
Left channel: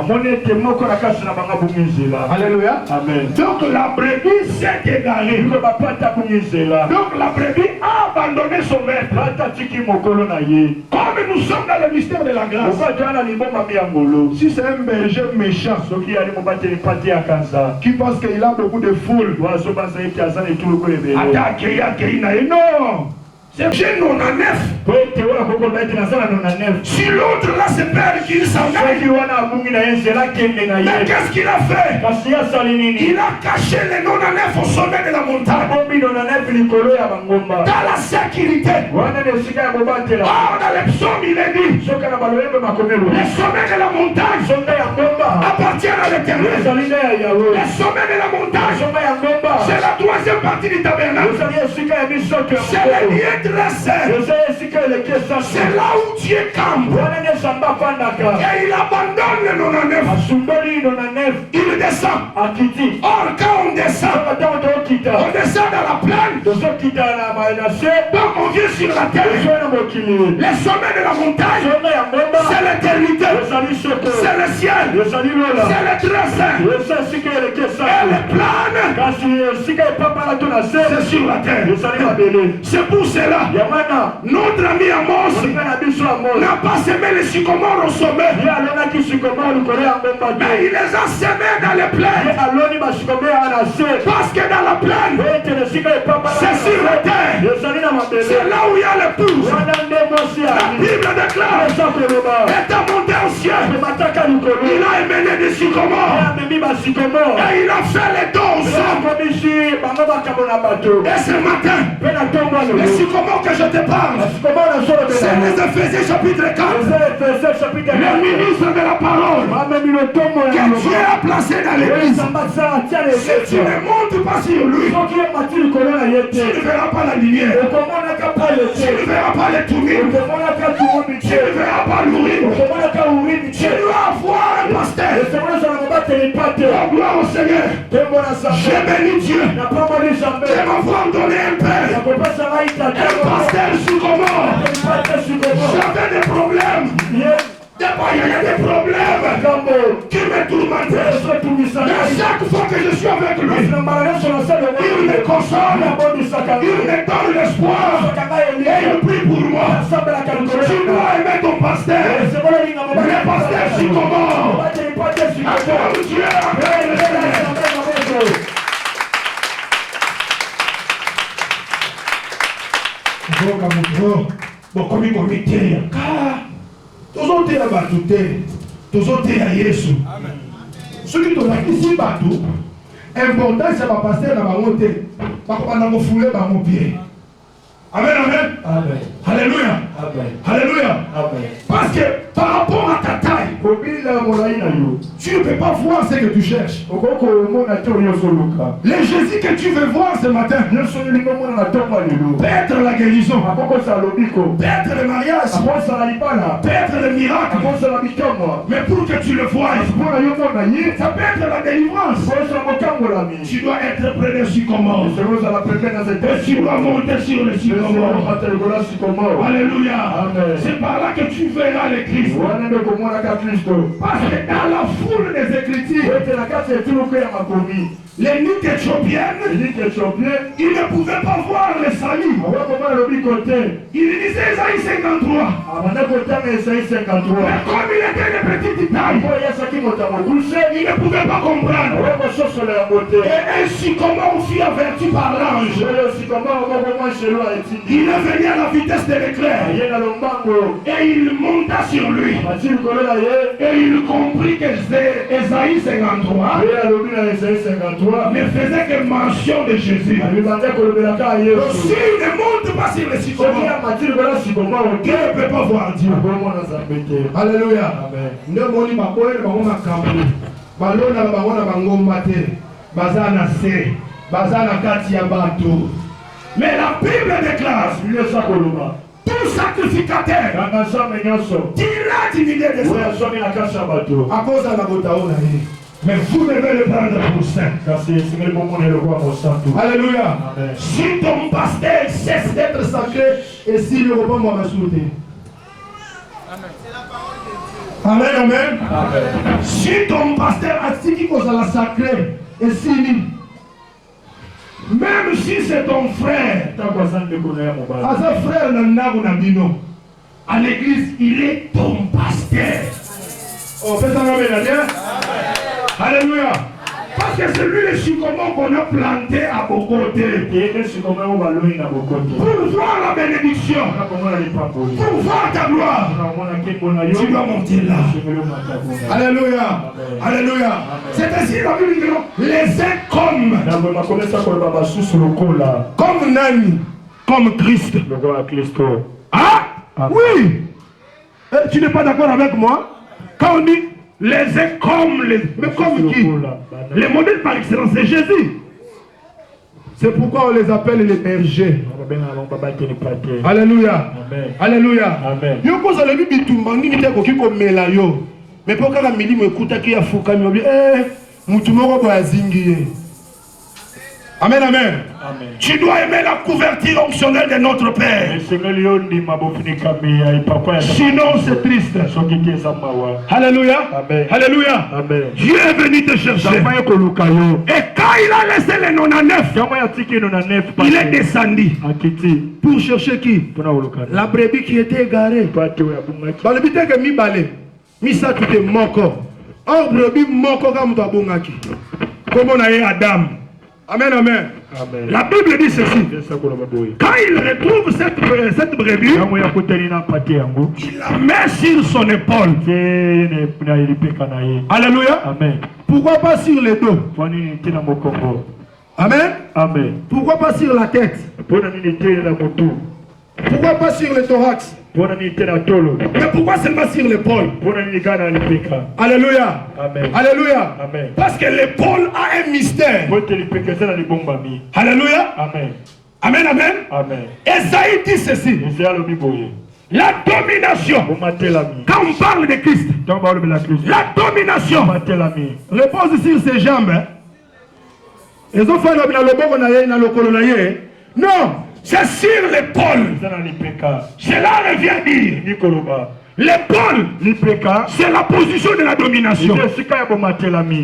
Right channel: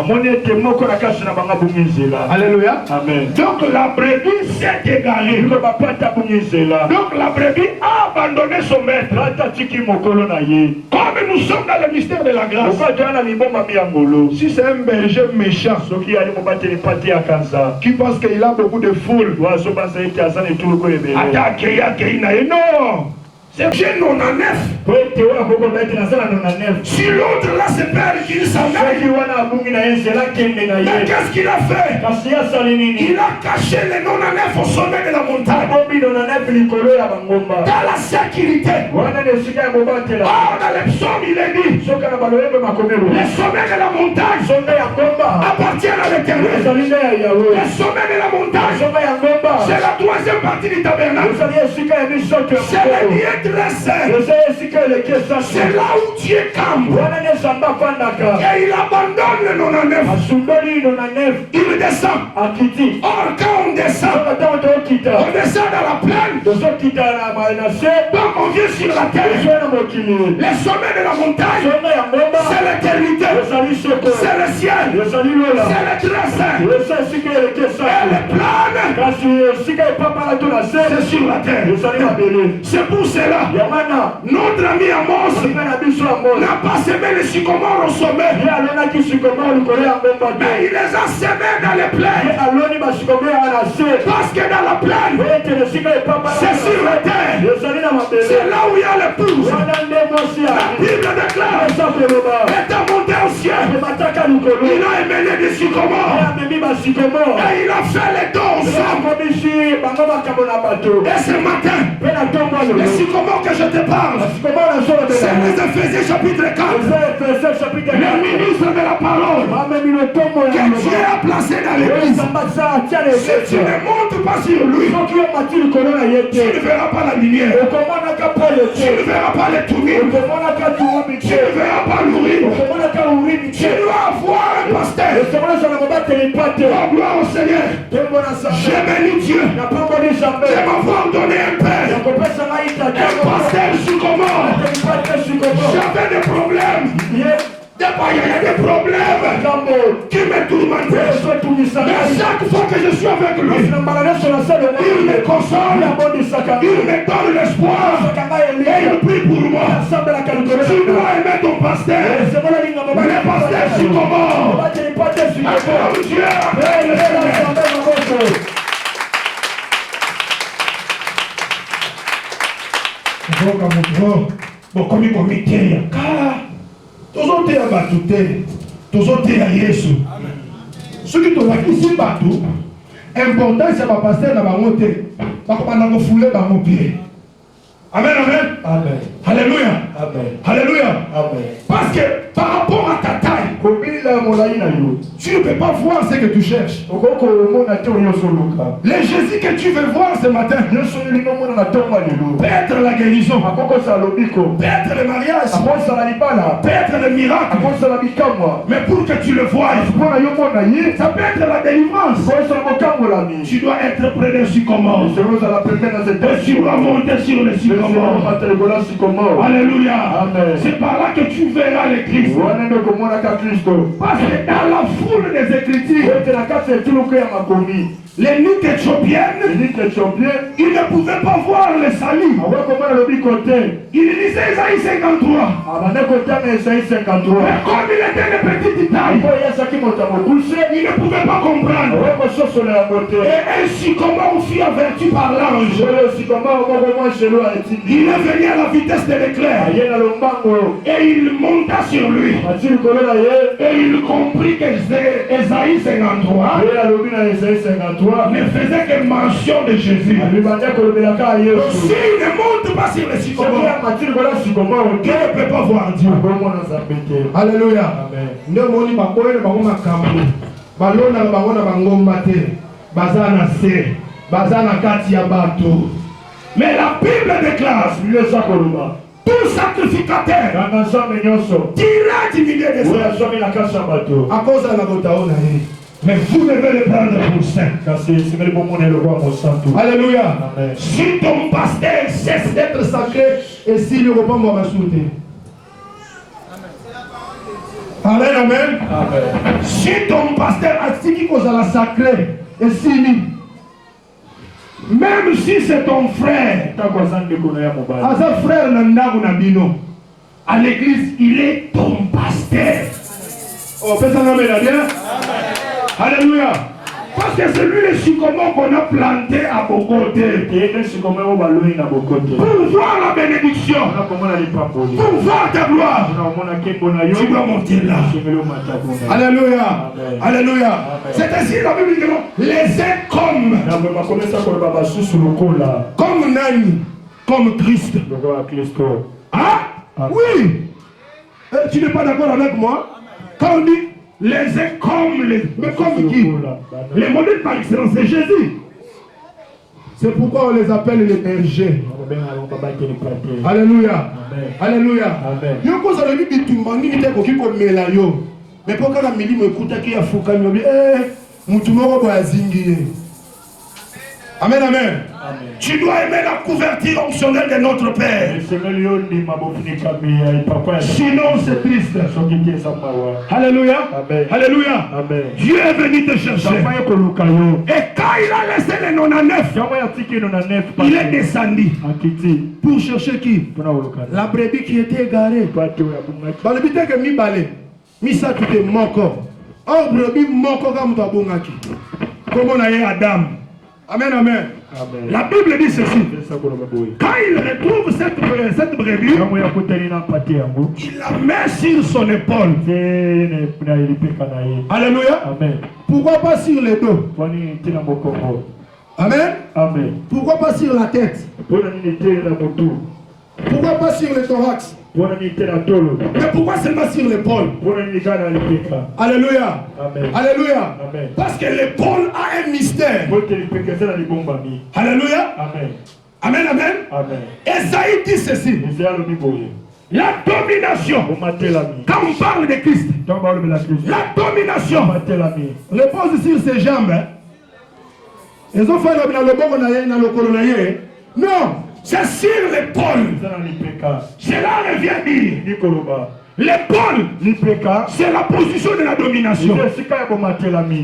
Alléluia. Amen. Donc la brebis s'est égarée. Donc la brebis a abandonné son maître. Comme nous sommes dans le mystère de la grâce. Si c'est un berger méchant qui pense qu'il a beaucoup de foule, non. J'ai 99. Si l'autre là se perd, qu'il s'en aille. Mais qu'est-ce qu'il a fait? Il a caché les 99 au sommet de la montagne. Dans la sécurité. Or, dans les psaumes, il est dit, les sommets de la montagne appartiennent à l'Éternel. Les sommets de la montagne, c'est la troisième partie du tabernacle. C'est le lieu dressé. C'est là où Dieu campe. Et il abandonne le 99. Il descend. Or, quand on descend dans la plaine. Donc on vient sur la terre. Les sommets de la montagne, c'est l'éternité. C'est le ciel. C'est le dressé. Et les planes, c'est sur la terre. C'est pour cela, notre ami Amos n'a pas semé les sycomores au sommet, mais il les a semés dans les plaines. Parce que dans la plaine, c'est sur la terre. C'est là où il y a le pouce. La Bible déclare, étant monté au ciel, il a émené des sycomores. Et il a fait les doses. Et ce matin, les sycomores que je te parle, c'est les Éphésiens chapitre 4. Le ministre de la parole que Dieu a placé dans l'église. Si tu ne montes pas sur lui, tu ne verras pas la lumière. Tu ne verras pas les tournées. Tu ne verras pas l'ourim. Tu dois avoir un pasteur. Oh, gloire au Seigneur. J'ai béni Dieu de m'avoir donné un père. Un pasteur sycomore. J'avais des problèmes. Il y a des problèmes qui me tourmentaient. Mais chaque fois que je suis avec lui, il me console, il me donne l'espoir et il prie pour moi. Tu dois aimer ton pasteur. Le pasteur sycomore. Acclame Dieu. tozoteya bato te, tozoteya Yesu. Soki tolakisi bato importance ya bapaster na bango te, bakobanda kofule bango pied. Amen, amen. Amen. Alléluia. Amen. Alléluia. Amen. Parce que par rapport à ta taille, tu ne peux pas voir ce que tu cherches. Les Jésus que tu veux voir ce matin peut être la guérison, peut être le mariage, peut être le miracle. Mais pour que tu le vois, ça peut être la délivrance. Tu dois être près des sycomores. Tu dois monter sur les sycomores. Alléluia. C'est par là que tu verras le Christ. Parce que dans la foule des Écritures, les nuques éthiopiennes, ils ne pouvaient pas voir le salut. Il disait Isaïe 53. Mais comme il était de petite taille, il ne pouvait pas comprendre. Et ainsi, comment on fut averti par l'ange, il est venu à la vitesse de l'éclair. Et il monta sur lui. Et il comprit que Isaïe 53 ne faisait que mention de Jésus. Donc s'il ne monte pas sur les sycomores, Dieu ne peut pas voir Dieu. Alléluia. Mais la Bible déclare, tout sacrificateur dira du milieu des hommes à cause de la botaona. Mais vous devez le prendre pour saint. Alléluia. Amen. Si ton pasteur cesse d'être sacré, et s'il ne reprend moi ma souté. Amen, amen. Amen. Si ton pasteur a dit qu'il est sacré, et s'il même si c'est ton frère, à ce frère, à l'église, il est ton pasteur. Oh, fais ça, amen. Alléluia. Parce que c'est lui le sycomore qu'on a planté à Bokoté. Pour voir la bénédiction. Pour voir ta gloire. Tu dois monter là. Alléluia. Alléluia. C'est ainsi la Bible dit les uns comme Nani, comme Christ. Ah oui. Tu n'es pas d'accord avec moi? Quand on dit les uns comme les... Mais comme qui? Les modèles par excellence, c'est Jésus. C'est pourquoi on les appelle les bergers. Alléluia. Alléluia. Yo cause le bibi tumbani ni te ko kiko mela yo. Mais pourquoi la mili me kuta ki ya fuka mi obi mutu moko ba zingi. Amen, amen. Tu dois aimer la couverture optionnelle de notre Père. Sinon, c'est triste. Alléluia. Amen. Alléluia. Amen. Dieu est venu te chercher. Et quand il a laissé les 99, il est descendu. Pour chercher qui? La brebis qui était égarée. Dans le but que mi balé, mi sa tout est moko. Or brebis moko comme babongaki. Comme on a eu Adam. Amen, amen. Amen. La Bible dit ceci. Quand il retrouve cette brebis, il la met sur son épaule. Alléluia. Amen. Pourquoi pas sur les dos? Amen. Amen. Pourquoi pas sur la tête? Pourquoi pas sur le thorax? Mais pourquoi seulement sur l'épaule? Alléluia. Amen. Alléluia. Amen. Parce que l'épaule a un mystère. Alléluia. Amen. Amen. Amen. Amen. Esaïe dit ceci. La domination. Quand on parle de Christ, la domination repose sur ses jambes. Ils ont fait le non. C'est sur l'épaule. Cela revient dire. L'épaule, c'est la position de la domination.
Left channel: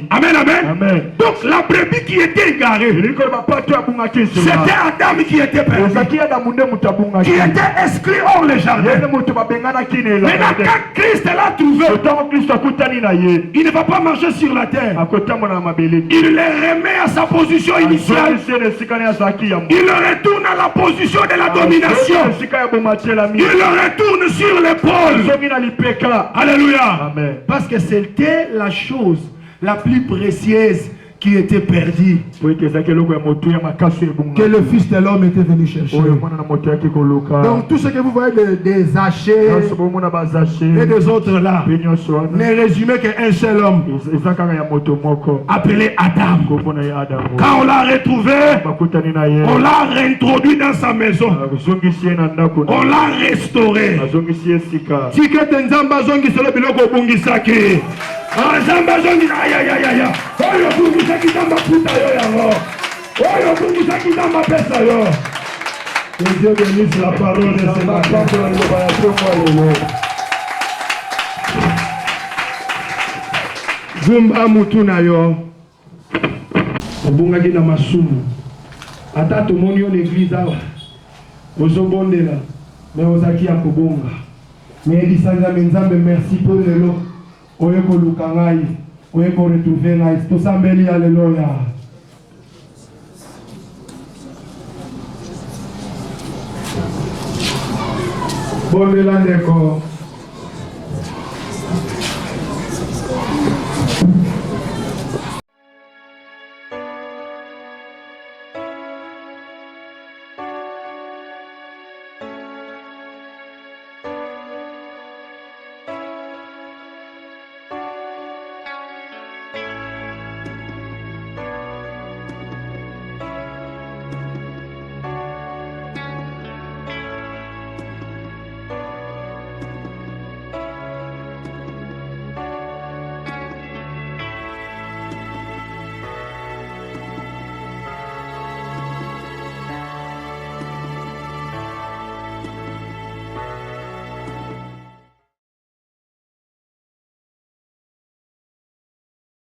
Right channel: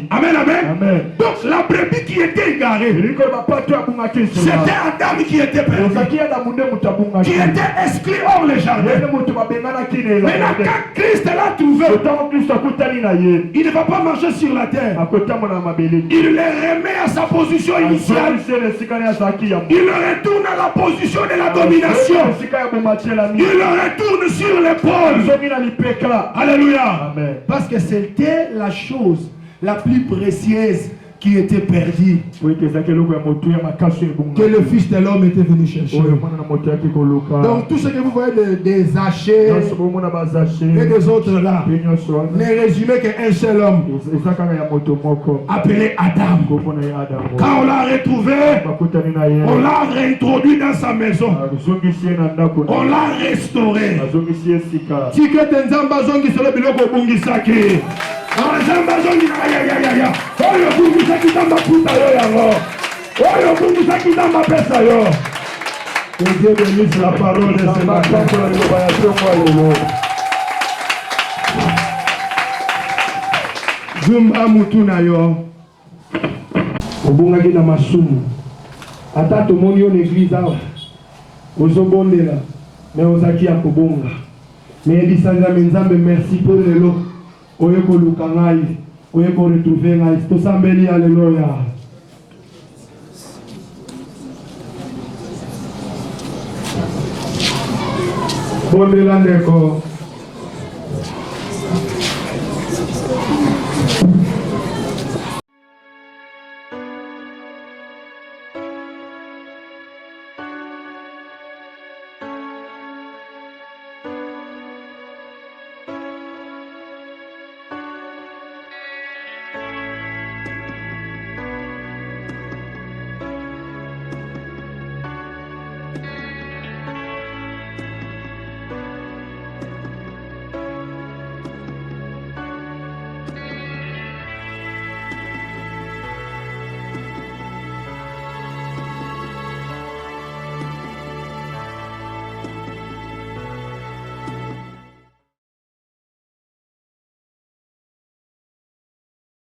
Amen, amen. Amen. Donc la brebis qui était égarée, c'était Adam qui était perdu, qui était exclu hors le jardin. Maintenant quand Christ l'a trouvé, il ne va pas marcher sur la terre. Il le remet à sa position initiale. Il le retourne à la position de la domination. Il le retourne sur l'épaule. Alléluia. Amen. Parce que c'était la chose la plus précieuse qui était perdue, que le Fils de l'homme était venu chercher. Donc tout ce que vous voyez des hachés et des autres là n'est résumé qu'un seul homme appelé Adam. Quand on l'a retrouvé, on l'a réintroduit dans sa maison, on l'a restauré. Que Dieu bénisse la parole de ce matin. Zumba mutuna yo. Obungaki na masumu. Ata tomoni yo l'église awa. Ozobondela. Mais ozaki ya kobonga. Mais ebisanga nzambe merci pour lelo. Oyeko lukangai. Oyeko retrouver ngai. Tosambeli alléluia. Bondela ndeko.